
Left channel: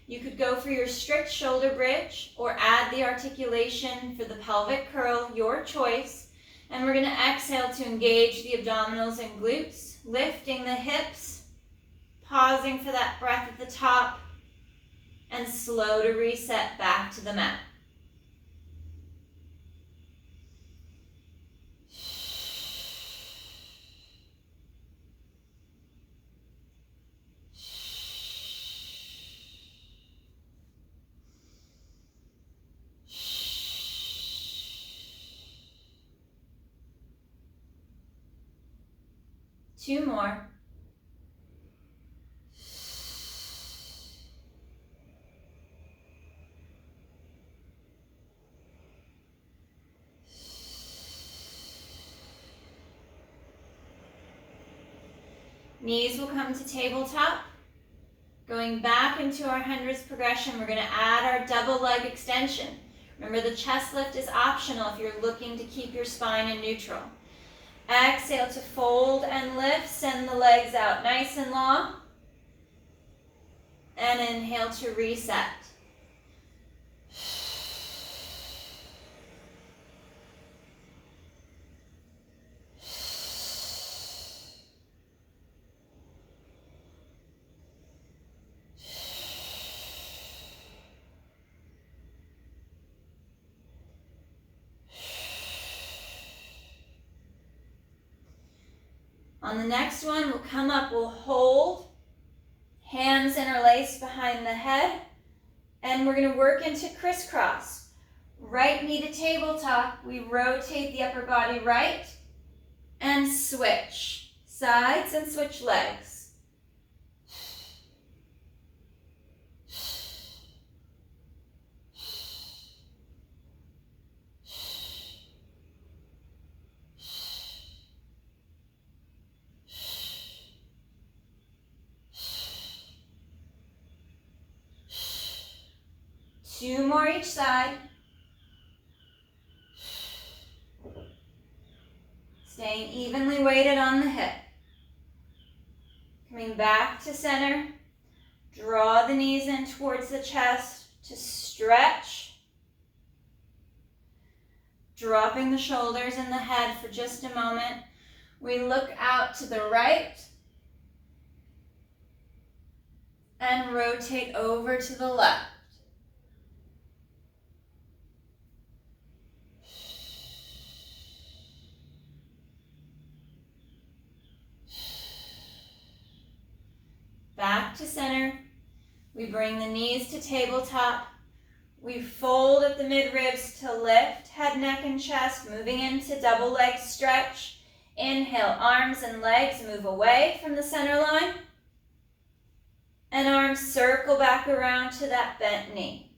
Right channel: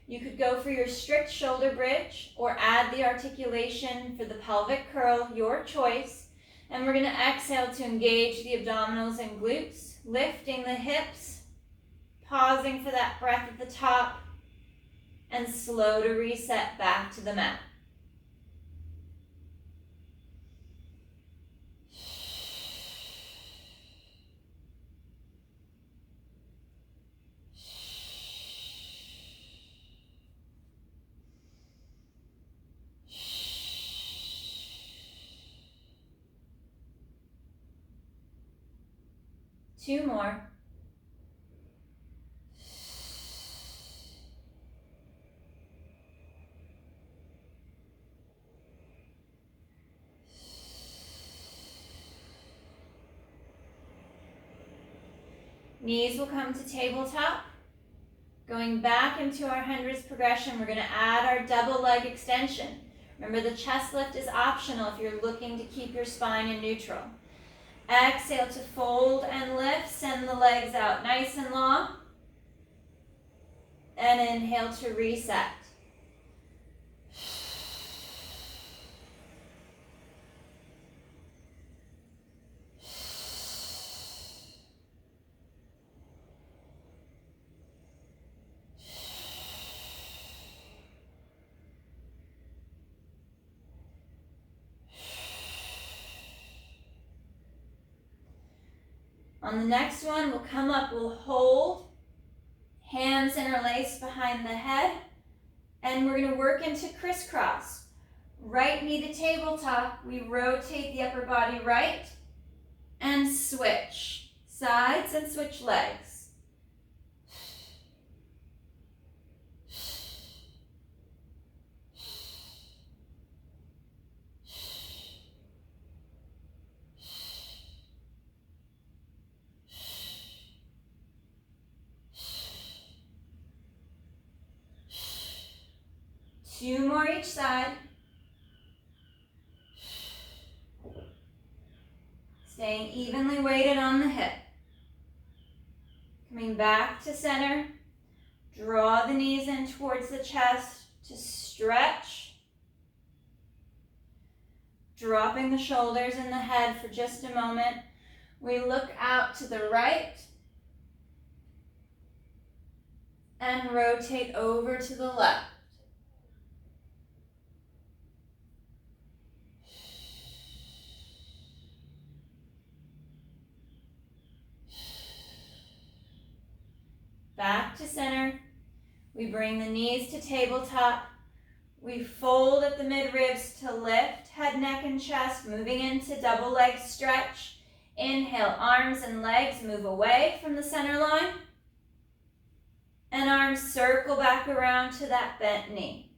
You could go for your strict shoulder bridge or add the articulation for the pelvic curl, your choice. And we're going to exhale to engage the abdominals and glutes, lifting the hips, pausing for that breath at the top, and slow to reset back to the mat. Two more. Knees will come to tabletop. Going back into our hundreds progression, we're going to add our double leg extension. Remember, the chest lift is optional if you're looking to keep your spine in neutral. Exhale to fold and lift, send the legs out nice and long. And inhale to reset. On the next one, we'll come up, we'll hold, hands interlaced behind the head, and we're going to work into crisscross. Right knee to tabletop, we rotate the upper body right, and switch. Sides and switch legs. Two more each side. Staying evenly weighted on the hip. Come Coming back to center. Draw the knees in towards the chest to stretch. Dropping the shoulders and the head for just a moment. We look out to the right and rotate over to the left. Back to center. We bring the knees to tabletop. We fold at the midribs to lift head, neck, and chest, moving into double leg stretch. Inhale, arms and legs move away from the center line. And arms circle back around to that bent knee.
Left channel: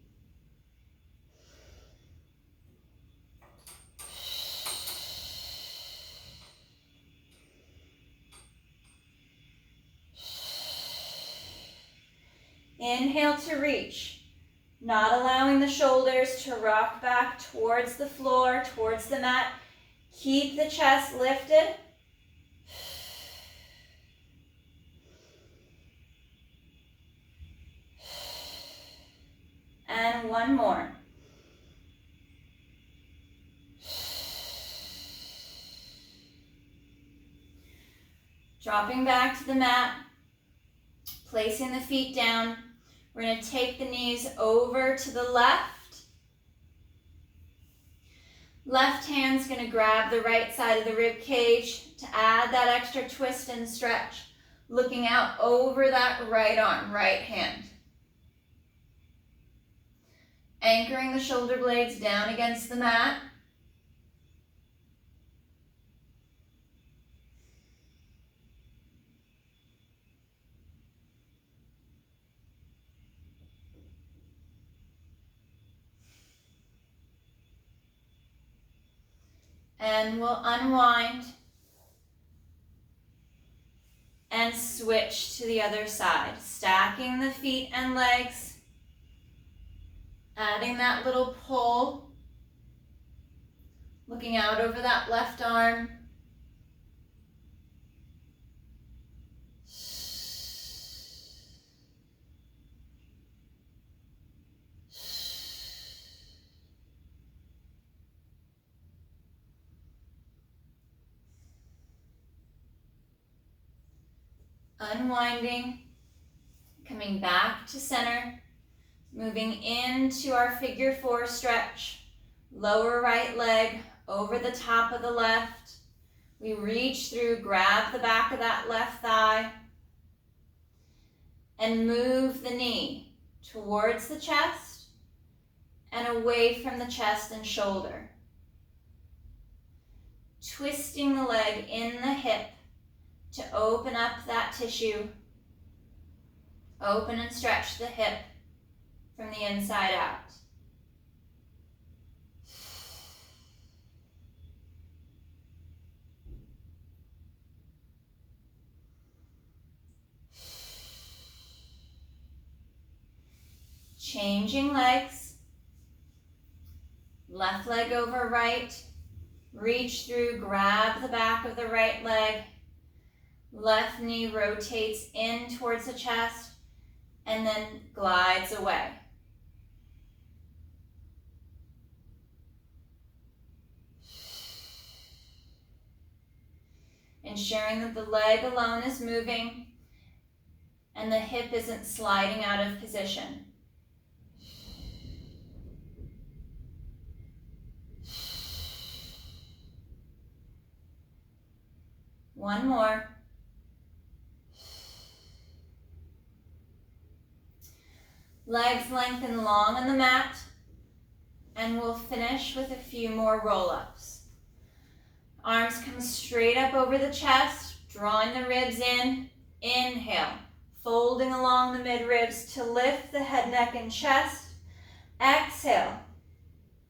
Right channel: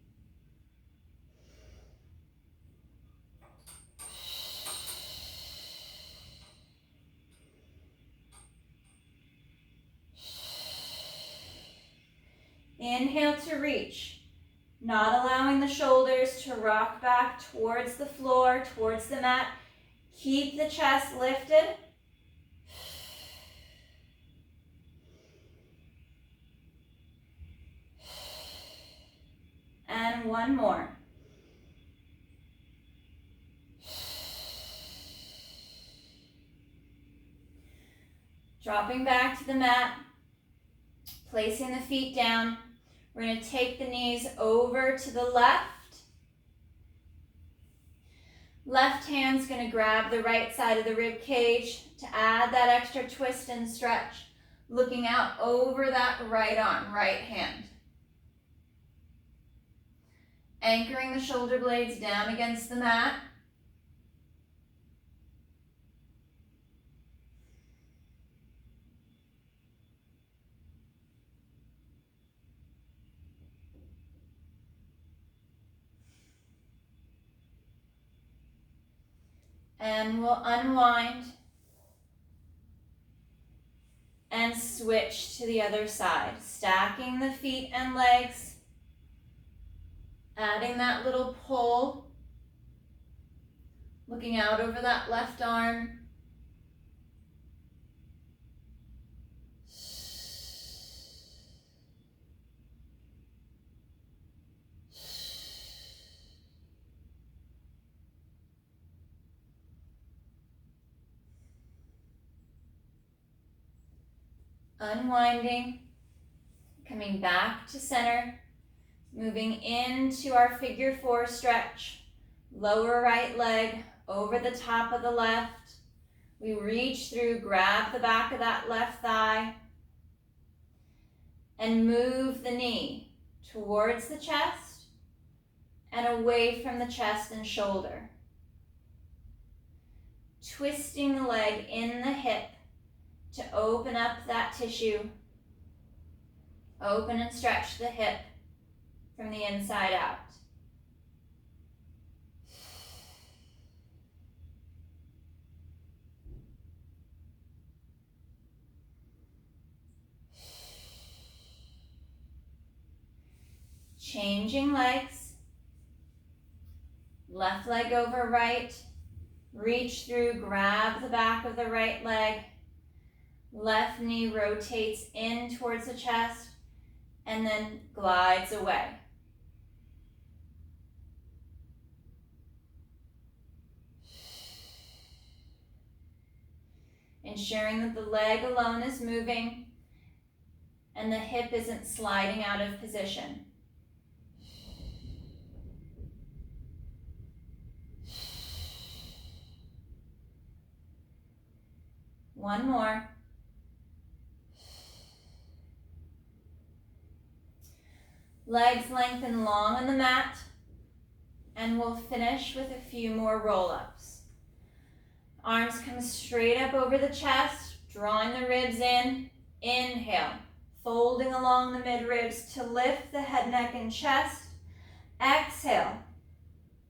Inhale to reach, not allowing the shoulders to rock back towards the floor, towards the mat. Keep the chest lifted. And one more. Dropping back to the mat, placing the feet down. We're going to take the knees over to the left. Left hand's going to grab the right side of the rib cage to add that extra twist and stretch, looking out over that right arm, right hand. Anchoring the shoulder blades down against the mat. And we'll unwind and switch to the other side, stacking the feet and legs, adding that little pull, looking out over that left arm. Unwinding, coming back to center, moving into our figure four stretch. Lower right leg over the top of the left. We reach through, grab the back of that left thigh, and move the knee towards the chest and away from the chest and shoulder. Twisting the leg in the hip to open up that tissue. Open and stretch the hip from the inside out. Changing legs. Left leg over right. Reach through, grab the back of the right leg. Left knee rotates in towards the chest and then glides away. Ensuring that the leg alone is moving and the hip isn't sliding out of position. One more. Legs lengthen long on the mat, and we'll finish with a few more roll-ups. Arms come straight up over the chest, drawing the ribs in. Inhale, folding along the midribs to lift the head, neck, and chest. Exhale,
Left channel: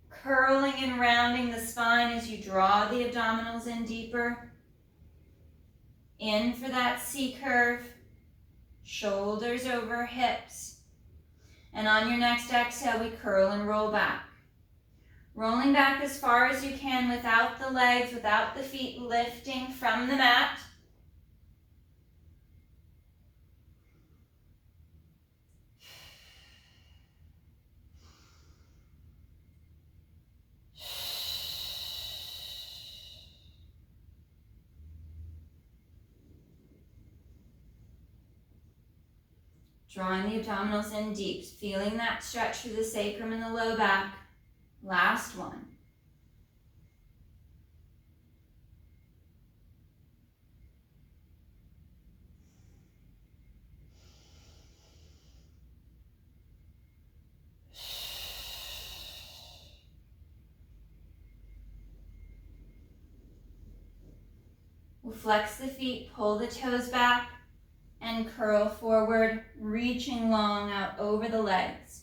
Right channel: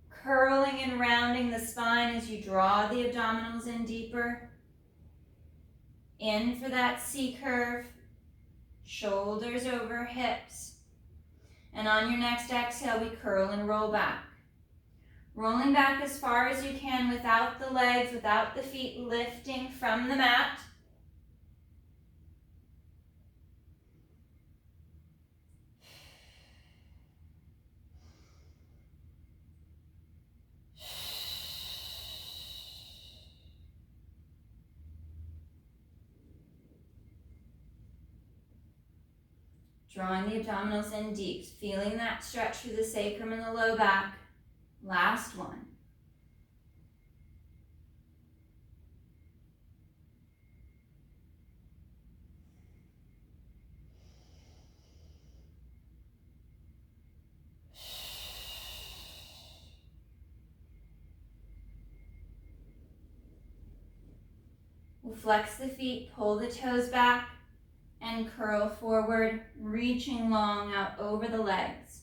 curling and rounding the spine as you draw the abdominals in deeper. In for that C curve, shoulders over hips. And on your next exhale, we curl and roll back. Rolling back as far as you can without the legs, without the feet lifting from the mat. Drawing the abdominals in deep, feeling that stretch through the sacrum and the low back. Last one. We'll flex the feet, pull the toes back, and curl forward, reaching long out over the legs.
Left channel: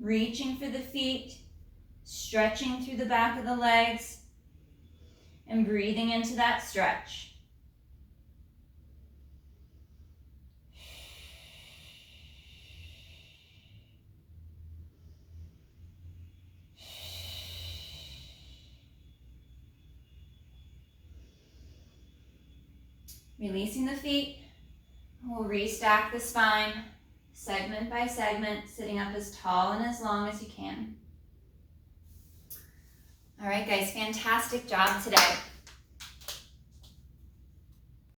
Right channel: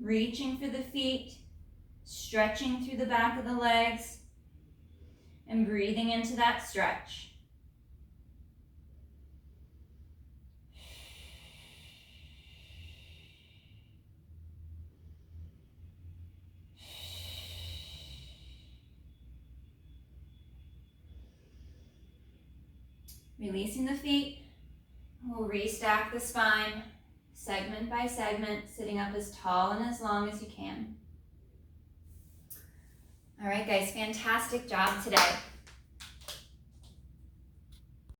Reaching for the feet, stretching through the back of the legs, and breathing into that stretch. Releasing the feet, we'll restack the spine, segment by segment, sitting up as tall and as long as you can. All right, guys, fantastic job today.